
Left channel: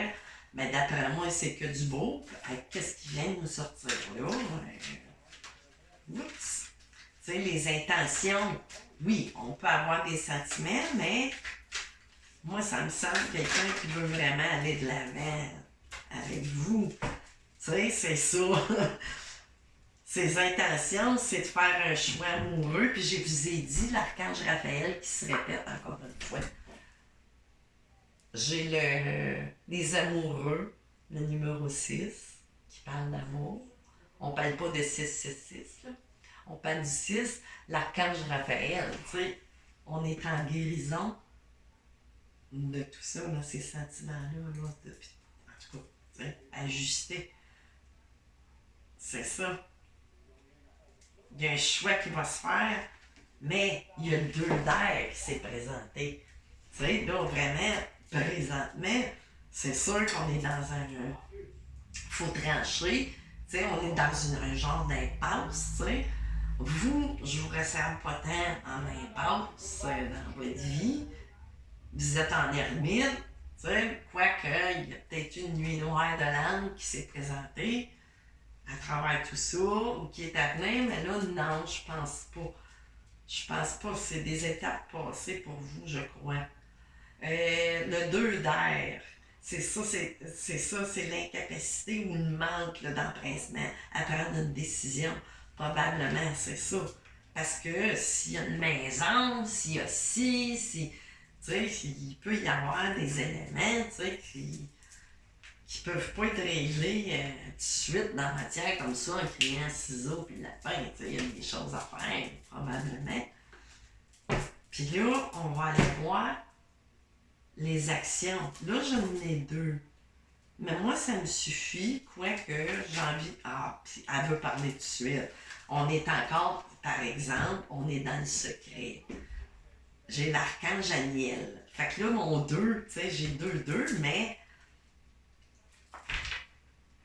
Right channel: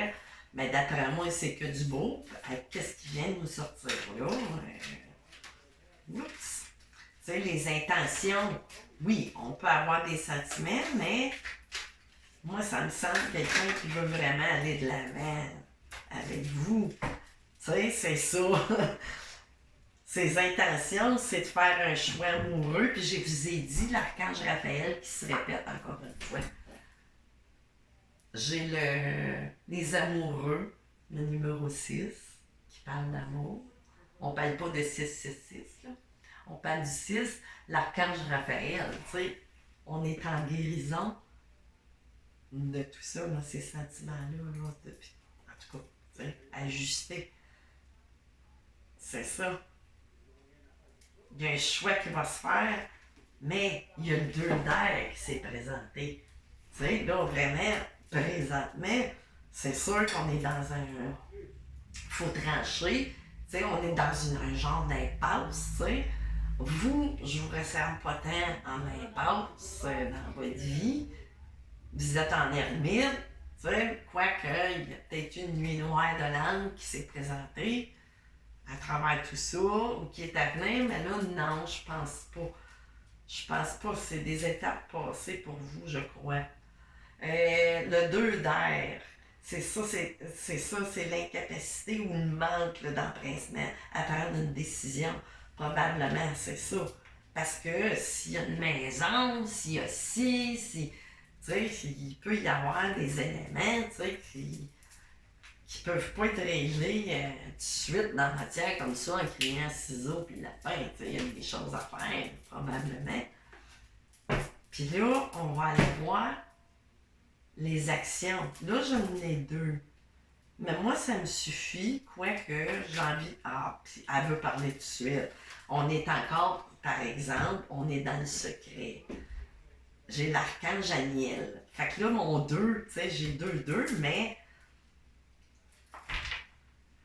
Mais d'après moi, c'est que du beau. Qu'est-ce qui vient de nous sortir là? Oups! Tu sais, les intentions, oui, on peut avoir des sentiments, mais moi, ça me semble quelqu'un qui veut vraiment aller de l'avant avec vous. Tu sais, c'est ça. Ses intentions, c'est de faire un choix amoureux. Puis je vous ai dit, l'archange Raphaël qui se répète encore une fois. J'ai les amoureux, le numéro 6, qui parle d'amour. On parle pas de 666, là. On parle du 6, l'archange Raphaël. Tu sais, on est en guérison de tout ça, là, ces sentiments-là, là, depuis, en tout cas, tu sais, ajustés. C'est ça. Il y a un choix qui va se faire, mais il y a le 2 d'air qui s'est présenté. Tu sais, là, vraiment, présentement, c'est sûr qu'on est dans un... faut trancher. Tu sais, on est dans un genre d'impasse, tu sais. Vous, je vous resserre pas tant en impasse dans votre vie. Vous êtes en ermite, tu sais, quoique, il y a peut-être une nuit noire de l'âme qui s'est présentée à travers tout ça, ou qui est à venir, mais là, non, je pense pas. Je pense pas, c'est des étapes passées pour vous, je crois. Le 2 d'air, c'est ça, c'est l'incapacité ou le manque d'empressement à prendre une décision. Probablement, c'est ça. Parce que s'il y a une maison, s'il y a ci, tu sais, il peut y avoir des éléments, tu sais, qui peuvent pas être réglés tout de suite dans la matière comme ça, en criant ciseaux puis lapin, tu sais, il y a des choses à faire, probablement. Puis là, on va aller voir les actions. Là, j'en ai 2. Mais moi, ça me suffit, quoique j'ai envie... Ah, puis elle veut parler tout de suite. On est encore, par exemple, on est dans le secret. J'ai l'archange Aniel. Fait que là, mon 2, tu sais, j'ai 2, mais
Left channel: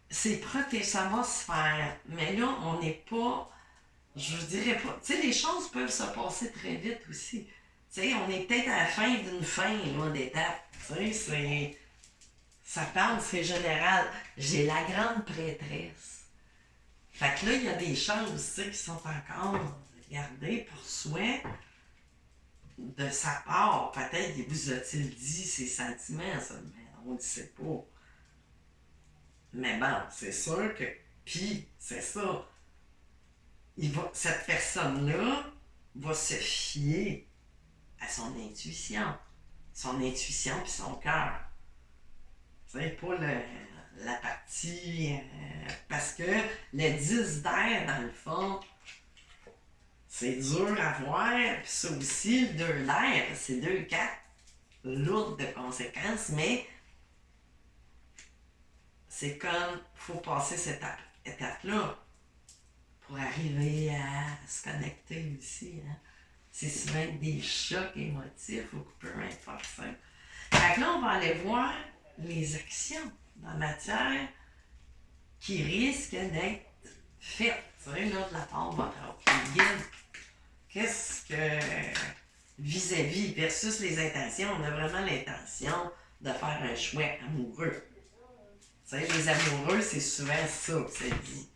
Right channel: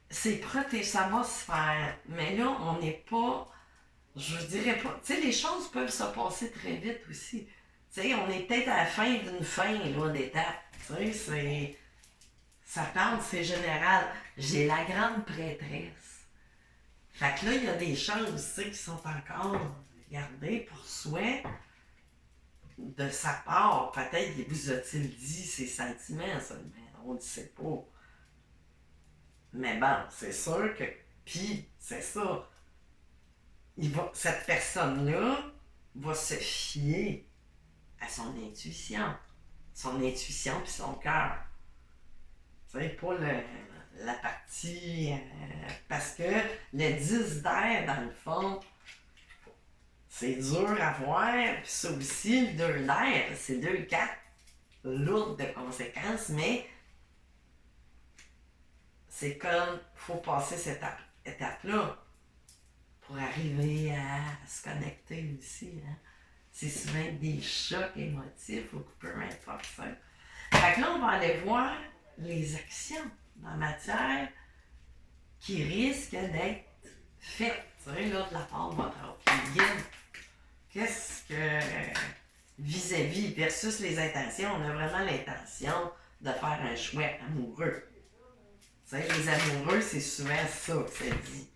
c'est protégé, ça va se faire. Mais là, on n'est pas, je vous dirais pas, tu sais, les choses peuvent se passer très vite aussi. Tu sais, on est peut-être à la fin d'une fin, là, d'étape. Tu sais, ça parle, c'est général. J'ai la grande prêtresse. Fait que là, il y a des choses, tu sais, qui sont encore gardées pour soi. De sa part, peut-être, vous a-t-il dit ses sentiments, ça, mais on ne le sait pas. Mais bon, c'est sûr que. Puis, c'est ça. Cette personne-là va se fier à son intuition. Son intuition puis son cœur. Tu sais, pas la partie. Parce que le 10 d'air, dans le fond, c'est dur à voir. Puis ça aussi, le 2 d'air, c'est 2 4 lourdes de conséquences, mais c'est comme, faut passer cette étape-là pour arriver à se connecter aussi. Hein. C'est souvent des chocs émotifs ou peu importe ça. Fait que là, on va aller voir les actions dans la matière qui risquent d'être faites, tu sais, là, de la part de votre autre guide. Qu'est-ce que, vis-à-vis versus les intentions, on a vraiment l'intention de faire un choix amoureux. Tu sais, les amoureux, c'est souvent ça que ça dit.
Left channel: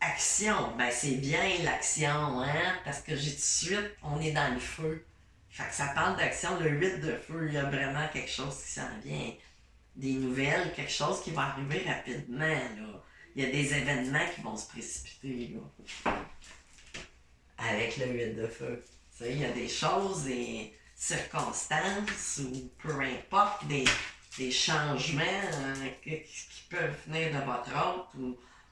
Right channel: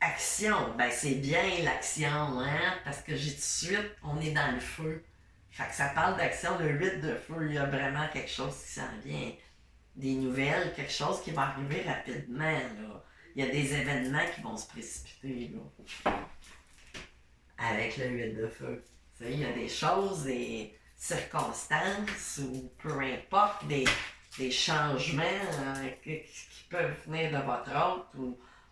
Action, ben c'est bien l'action, hein, parce que j'ai tout de suite, on est dans le feu. Fait que ça parle d'action, le 8 de feu, il y a vraiment quelque chose qui s'en vient. Des nouvelles, quelque chose qui va arriver rapidement, là. Il y a des événements qui vont se précipiter, là. Avec le 8 de feu. Tu sais, il y a des choses, des circonstances, ou peu importe, des changements qui peuvent venir de votre hôte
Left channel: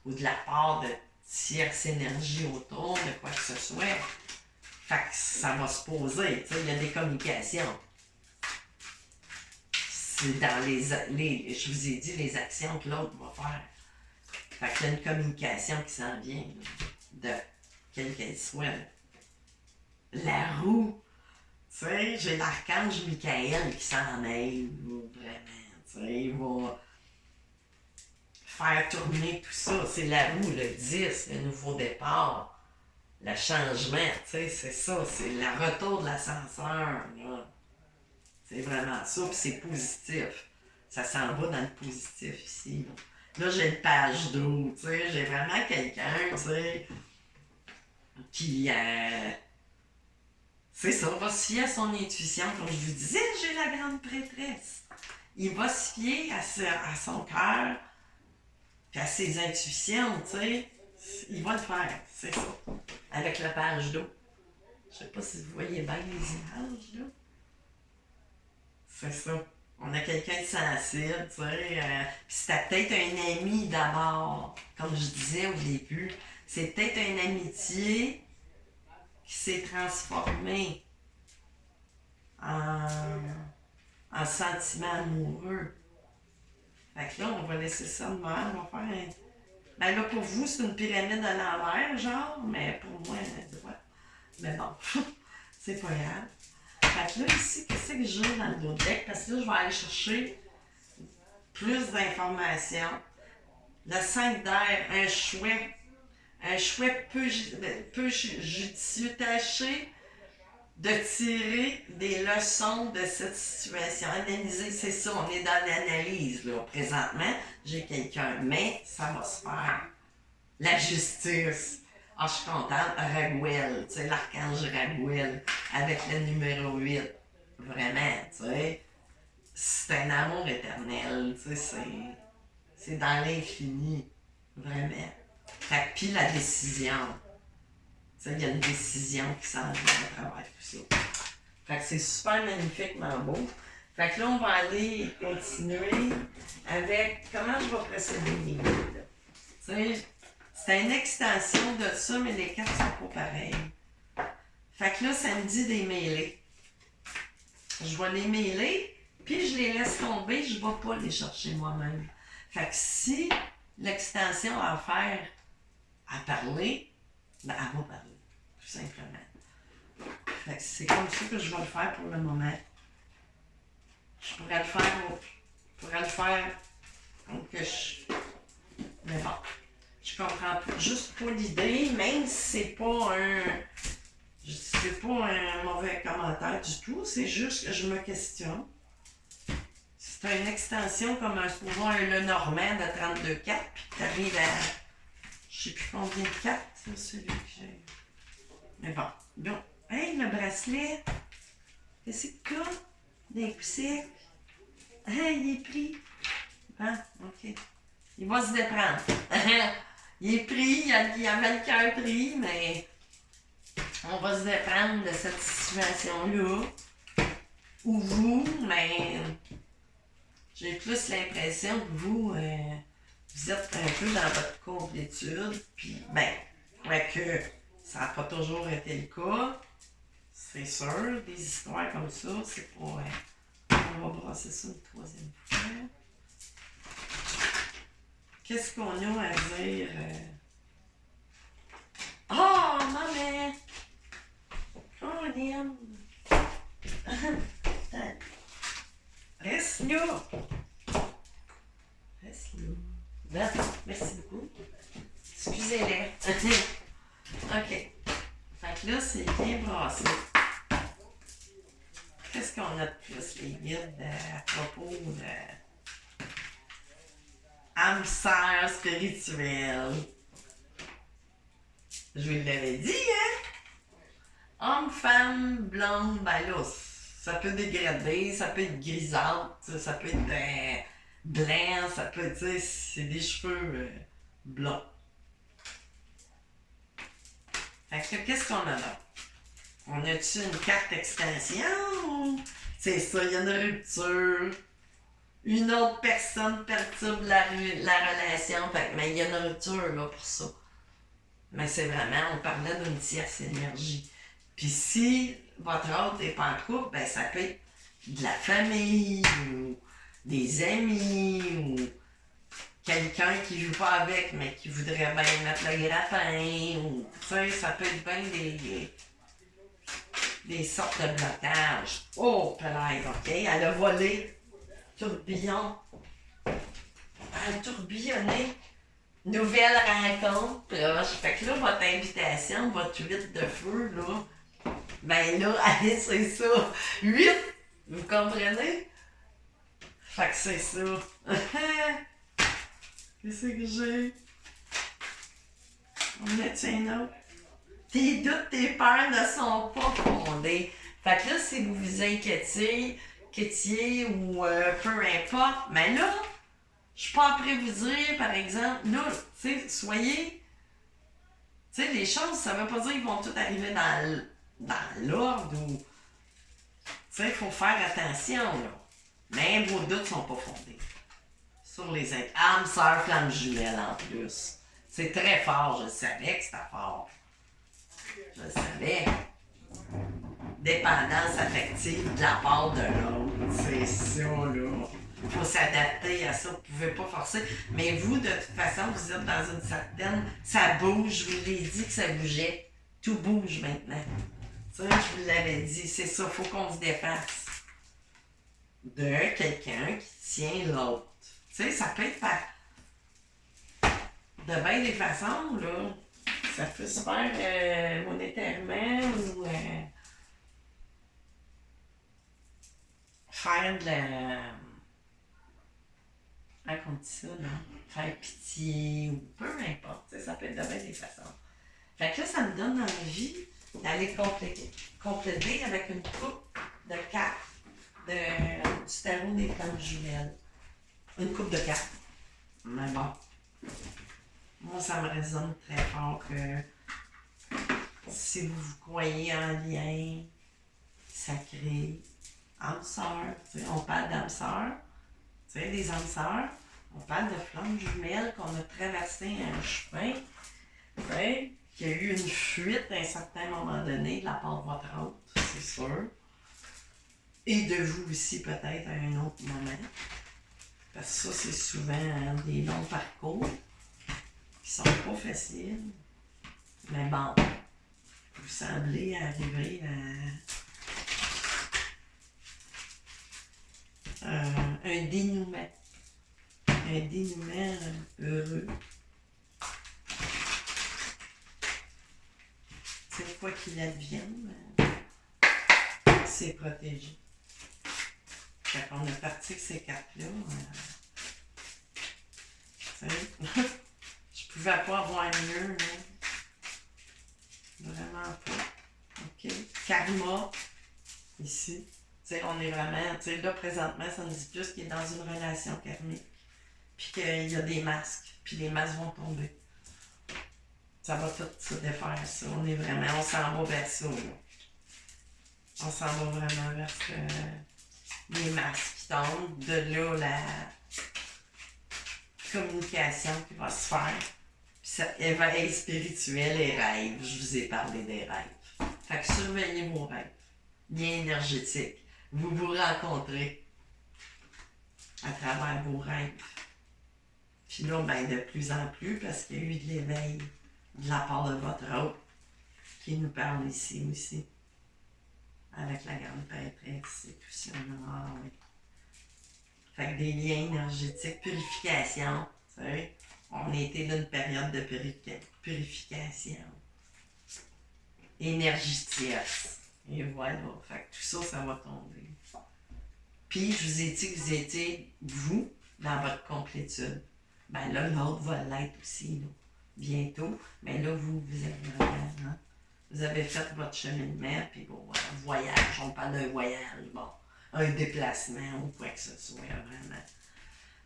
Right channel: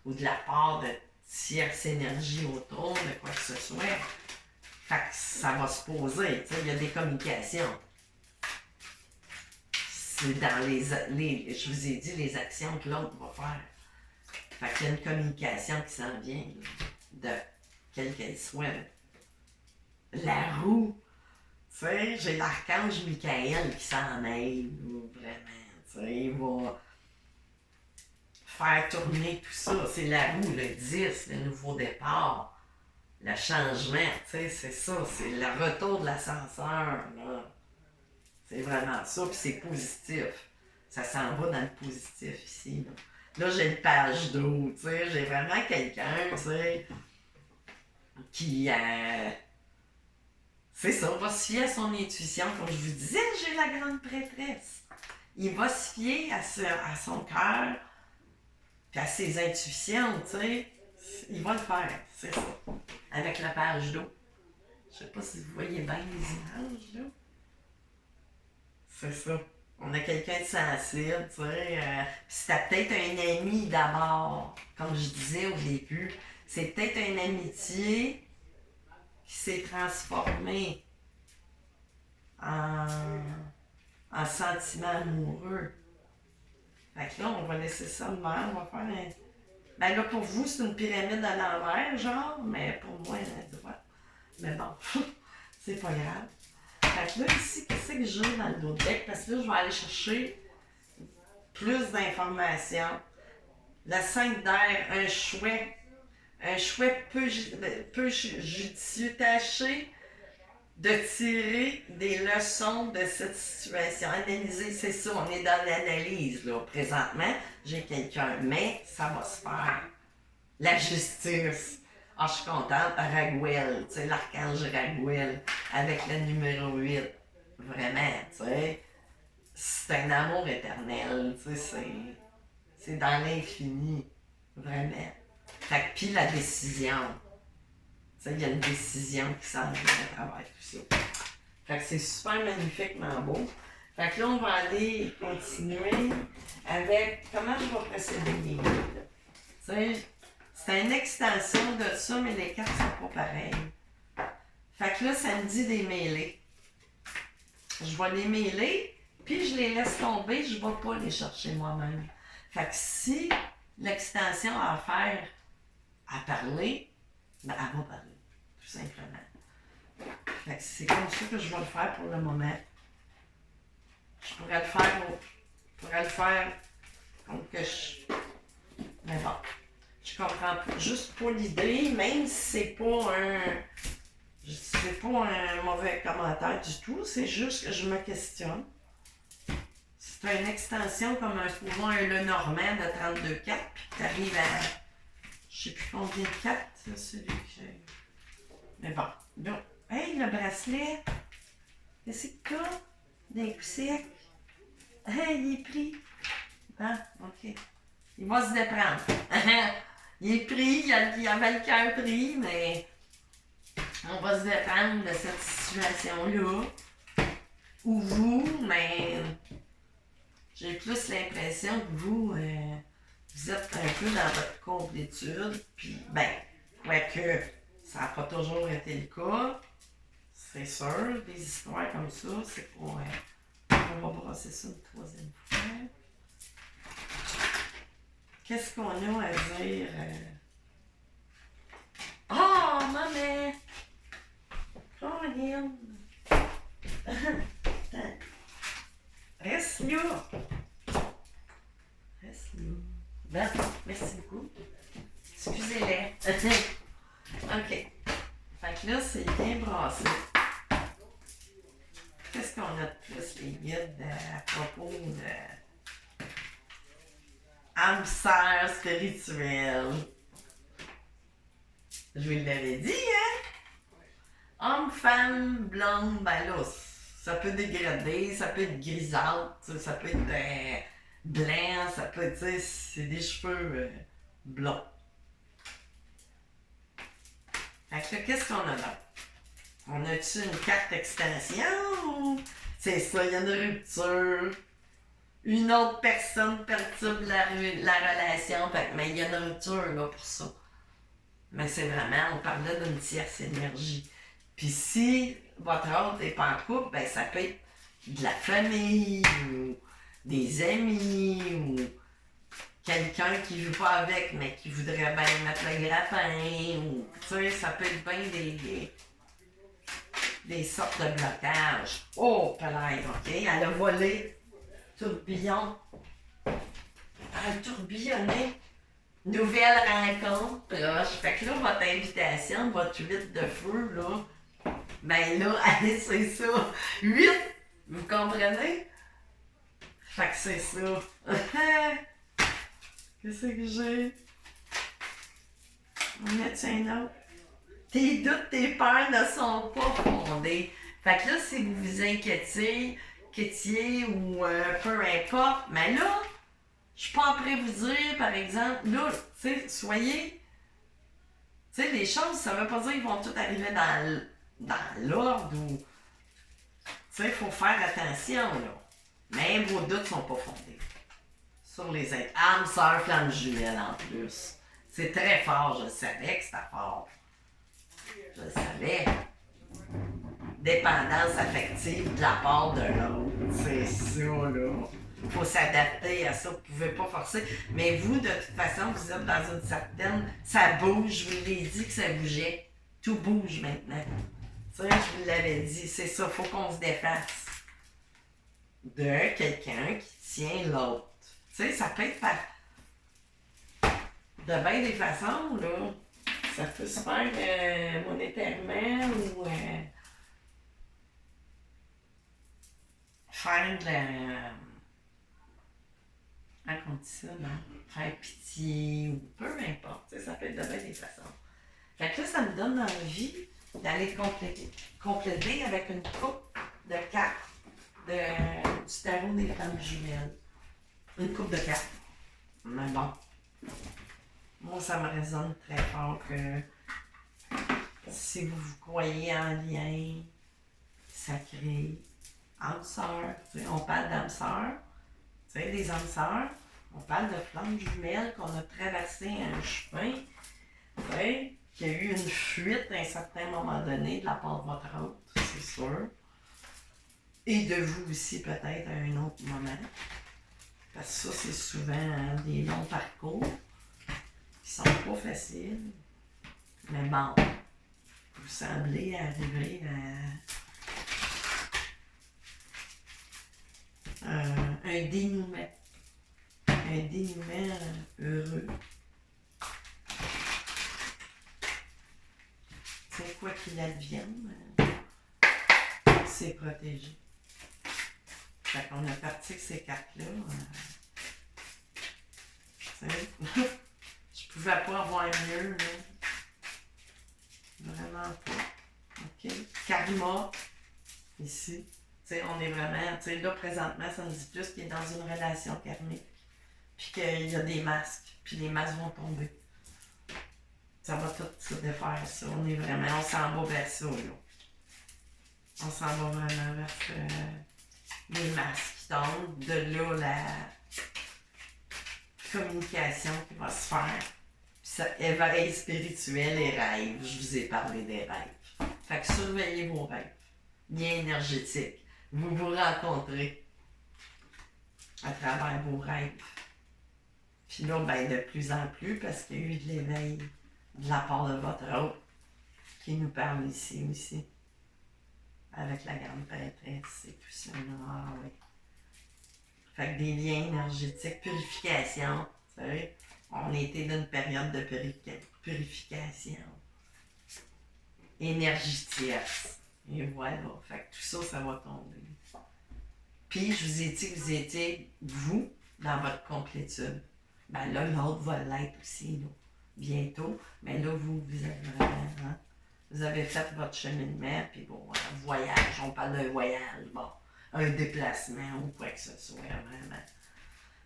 ou de la part de tierce énergie autour, de quoi que ce soit. Fait que ça va se poser, tu sais, il y a des communications. C'est dans je vous ai dit, les actions que l'autre va faire. Fait qu'il y a une communication qui s'en vient, là, de quelle qu'elle soit. Là. La roue, tu sais, j'ai l'archange Michael qui s'en mêle, vraiment, tu sais, il va faire tourner tout ça. C'est la roue, le 10, le nouveau départ, le changement, tu sais, c'est ça, c'est le retour de l'ascenseur, là. C'est vraiment ça, puis c'est positif. Ça s'en va dans le positif ici, là. Là, j'ai une page d'eau, tu sais, j'ai vraiment quelqu'un, tu sais, qui, c'est ça, va se fier à son intuition. Comme je vous disais, j'ai la grande prêtresse. Il va se fier à son cœur, puis à ses intuitions, tu sais. Il va le faire, c'est ça. Avec la page d'eau. Je sais pas si vous voyez bien les images, là. C'est ça. On a quelqu'un de sensible, tu sais. Puis c'était peut-être un ami d'abord, comme je disais au début. C'est peut-être une amitié qui s'est transformée en sentiment amoureux. Fait que là, on va laisser ça de même. On va faire un. Ben là, pour vous, c'est une pyramide à l'envers, genre, mais pour moi, ouais. Mais bon, c'est pas grave. Fait que là, ici, qu'est-ce que j'ai dans le dos deck? Parce que là, je vais aller chercher plus d'informations. Le 5 d'air, un chouet. Un chouet peu judicieux, tâché de tirer des leçons de cette situation. Analyser, c'est ça, on est dans l'analyse, là. Présentement, j'ai quelqu'un, mais ça va se faire. La justice. Ah, je suis contente. Raguel, tu sais, l'archange Raguel, avec le numéro 8. Vraiment, tu sais. C'est un amour éternel, tu sais, c'est dans l'infini. Vraiment. Fait que, puis la décision. Tu sais, il y a une décision qui s'en vient à travers tout ça. Fait que c'est super magnifiquement beau. Fait que là, on va aller continuer avec comment je vais procéder les guides. Tu sais, c'est une extension de ça, mais les cartes sont pas pareilles. Fait que là, ça me dit des mêlés. Je vais les mêler, puis je les laisse tomber, je ne vais pas les chercher moi-même. Fait que si l'extension a affaire à parler, ben elle va parler, tout simplement. Fait que c'est comme ça que je vais le faire pour le moment. Je pourrais le faire comme que je... Mais bon, je comprends juste pas l'idée, même si c'est pas un mauvais commentaire du tout, c'est juste que je me questionne. C'est une extension comme supposons un Lenormand de 32,4, puis tu arrives à je sais plus combien de 4, c'est celui que j'ai. Mais bon, donc, hey, le bracelet, qu'est-ce que t'as? D'un coup sec. Hey, il est pris. Ah, ok. il va se déprendre. Il est pris, il avait le cœur pris, mais on va se déprendre de cette situation-là. Ou vous, mais j'ai plus l'impression que vous êtes un peu dans votre complétude, puis ben, quoique ça n'a pas toujours été le cas, c'est sûr, des histoires comme ça, c'est pas... on va brasser ça une troisième fois. Qu'est-ce qu'on a à dire? Oh, maman! Oh, Liam! Reste là! Reste là. Ben, merci beaucoup. Excusez-les. OK. Fait que là, c'est bien brassé. Qu'est-ce qu'on a de plus, les guides, à propos de âme sœur spirituelle? Je vous l'avais dit, hein? Homme, femme, blonde, ben là, ça peut dégrader, ça peut être grisâtre, ça peut être blanc, ça peut être, tu sais, c'est des cheveux blonds. Fait que là, qu'est-ce qu'on a là? On a-tu une carte extension? C'est ça, il y a une rupture. Une autre personne perturbe la relation, mais il y a une rupture là pour ça. Mais c'est vraiment, on parlait d'une tierce énergie. Puis si votre autre n'est pas en couple, ben ça peut être de la famille, ou des amis, ou quelqu'un qui ne joue pas avec, mais qui voudrait bien mettre le grappin, ou, tu sais, ça peut être bien des sortes de blocages. Oh, Pelaye, OK, elle a volé, tourbillon. Elle a tourbillonné. Nouvelle rencontre, proche. Fait que là, votre invitation, votre 8 de feu, là, ben là, allez, c'est ça. 8! Vous comprenez? Fait que c'est ça. Qu'est-ce que j'ai? On a-tu un autre? Tes doutes, tes peurs ne sont pas fondés. Fait que là, si vous vous inquiétiez, ou peu importe, mais là, je suis pas après vous dire, par exemple, là, tu sais, soyez... Tu sais, les choses, ça veut pas dire qu'ils vont tout arriver dans l'ordre ou... Tu sais, il faut faire attention, là. Mais vos doutes sont pas fondés. Sur les âmes, sœurs, flammes jumelles, en plus. C'est très fort, je le savais que c'était fort. Je le savais. Dépendance affective de la part de l'autre. C'est ça, là. Il faut s'adapter à ça, vous ne pouvez pas forcer. Mais vous, de toute façon, vous êtes dans une certaine... Ça bouge, je vous l'ai dit que ça bougeait. Tout bouge maintenant. Tu sais, je vous l'avais dit, c'est ça, il faut qu'on se défasse de quelqu'un qui tient l'autre. Tu sais, ça peut être de bien des façons, là. Ça peut se faire monétairement ou faire de la... Comment on dit ça, non? Faire pitié ou peu importe. Ça peut être de bien des façons. Fait que là, ça me donne envie d'aller compléter avec une coupe de cartes du tarot des femmes jumelles. Une coupe de cartes. Mais bon. Moi, ça me résonne très fort que si vous croyez en lien sacré, âme sœur, on parle d'âme sœur, des âmes sœurs, on parle de flammes jumelles qu'on a traversé un chemin, qu'il y a eu une fuite à un certain moment donné de la part de votre autre, c'est sûr. Et de vous aussi peut-être à un autre moment. Parce que ça, c'est souvent des longs parcours qui sont pas faciles. Mais bon, vous semblez arriver à un dénouement. Un dénouement heureux. C'est quoi qu'il advienne, c'est protégé. Fait qu'on a parti avec ces cartes-là. Je pouvais pas avoir mieux, là. Vraiment pas. OK. Karma, ici. On est vraiment, là, présentement, ça nous dit plus qu'il est dans une relation karmique. puis qu'il y a des masques, puis les masques vont tomber. Ça va tout se défaire, ça. On s'en va vers ça, là. On s'en va vraiment vers les masques qui tombent. De là, la communication qui va se faire. Puis ça, éveil spirituel et rêves. Je vous ai parlé des rêves. Fait que surveillez vos rêves. Bien énergétiques. Vous vous rencontrez à travers vos rêves. Puis là, ben, de plus en plus, parce qu'il y a eu de l'éveil de la part de votre hôte qui nous parle ici aussi. Avec la grande prêtresse et tout ça. Ah oui. Fait que des liens énergétiques, purification. Vous savez, on a été dans une période de purification. Énergie tierce. Et voilà. Fait que tout ça, ça va tomber. Puis, je vous ai dit que vous étiez, vous, dans votre complétude. Ben là, l'autre va l'être aussi, là, bientôt. Mais là, vous avez vraiment, hein, vous avez fait votre cheminement, puis bon, voyage, on parle d'un voyage, bon, un déplacement ou quoi que ce soit, vraiment.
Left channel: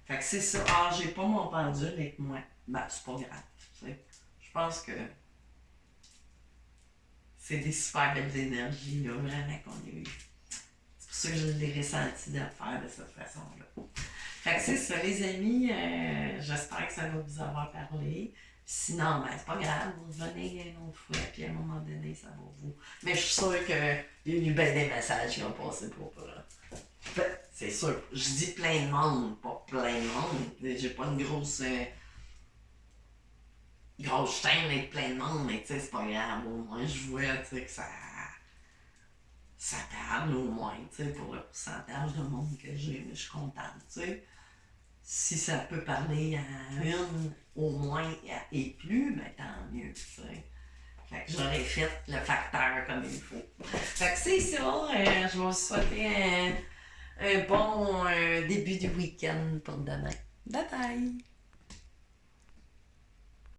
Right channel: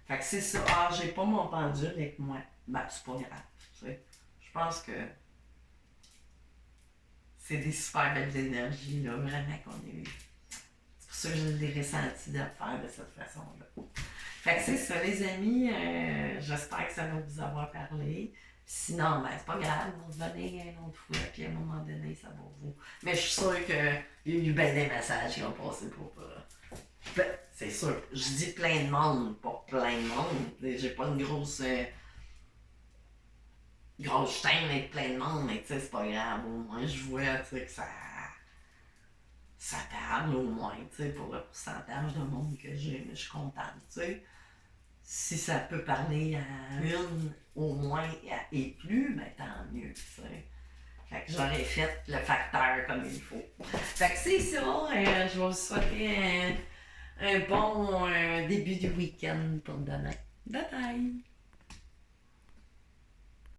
Fait que c'est ça. Ah, j'ai pas mon pendule avec moi. Ben, c'est pas grave, tu sais. Je pense que c'est des super belles énergies, là, vraiment, qu'on a eues. C'est pour ça que je l'ai ressenti de le faire de cette façon-là. Fait que c'est ça, les amis. J'espère que ça va vous avoir parlé. Sinon, ben, c'est pas grave, on va venir une autre fois, puis à un moment donné, ça va vous. Mais je suis sûre qu'il y a eu bien des messages qui ont passé pour. Ben, c'est sûr. Je dis plein de monde, pas plein de monde. J'ai pas une grosse chaîne avec plein de monde, mais tu sais, c'est pas grave. Au moins, je vois, tu sais, que ça parle au moins, tu sais, pour le pourcentage de monde que j'ai, mais je suis contente, tu sais. Si ça peut parler à une au moins et plus, ben tant mieux, tu sais. Fait que j'aurais fait le facteur comme il faut. Fait que c'est ça, je vais vous souhaiter un bon début du week-end pour demain. Bye bye!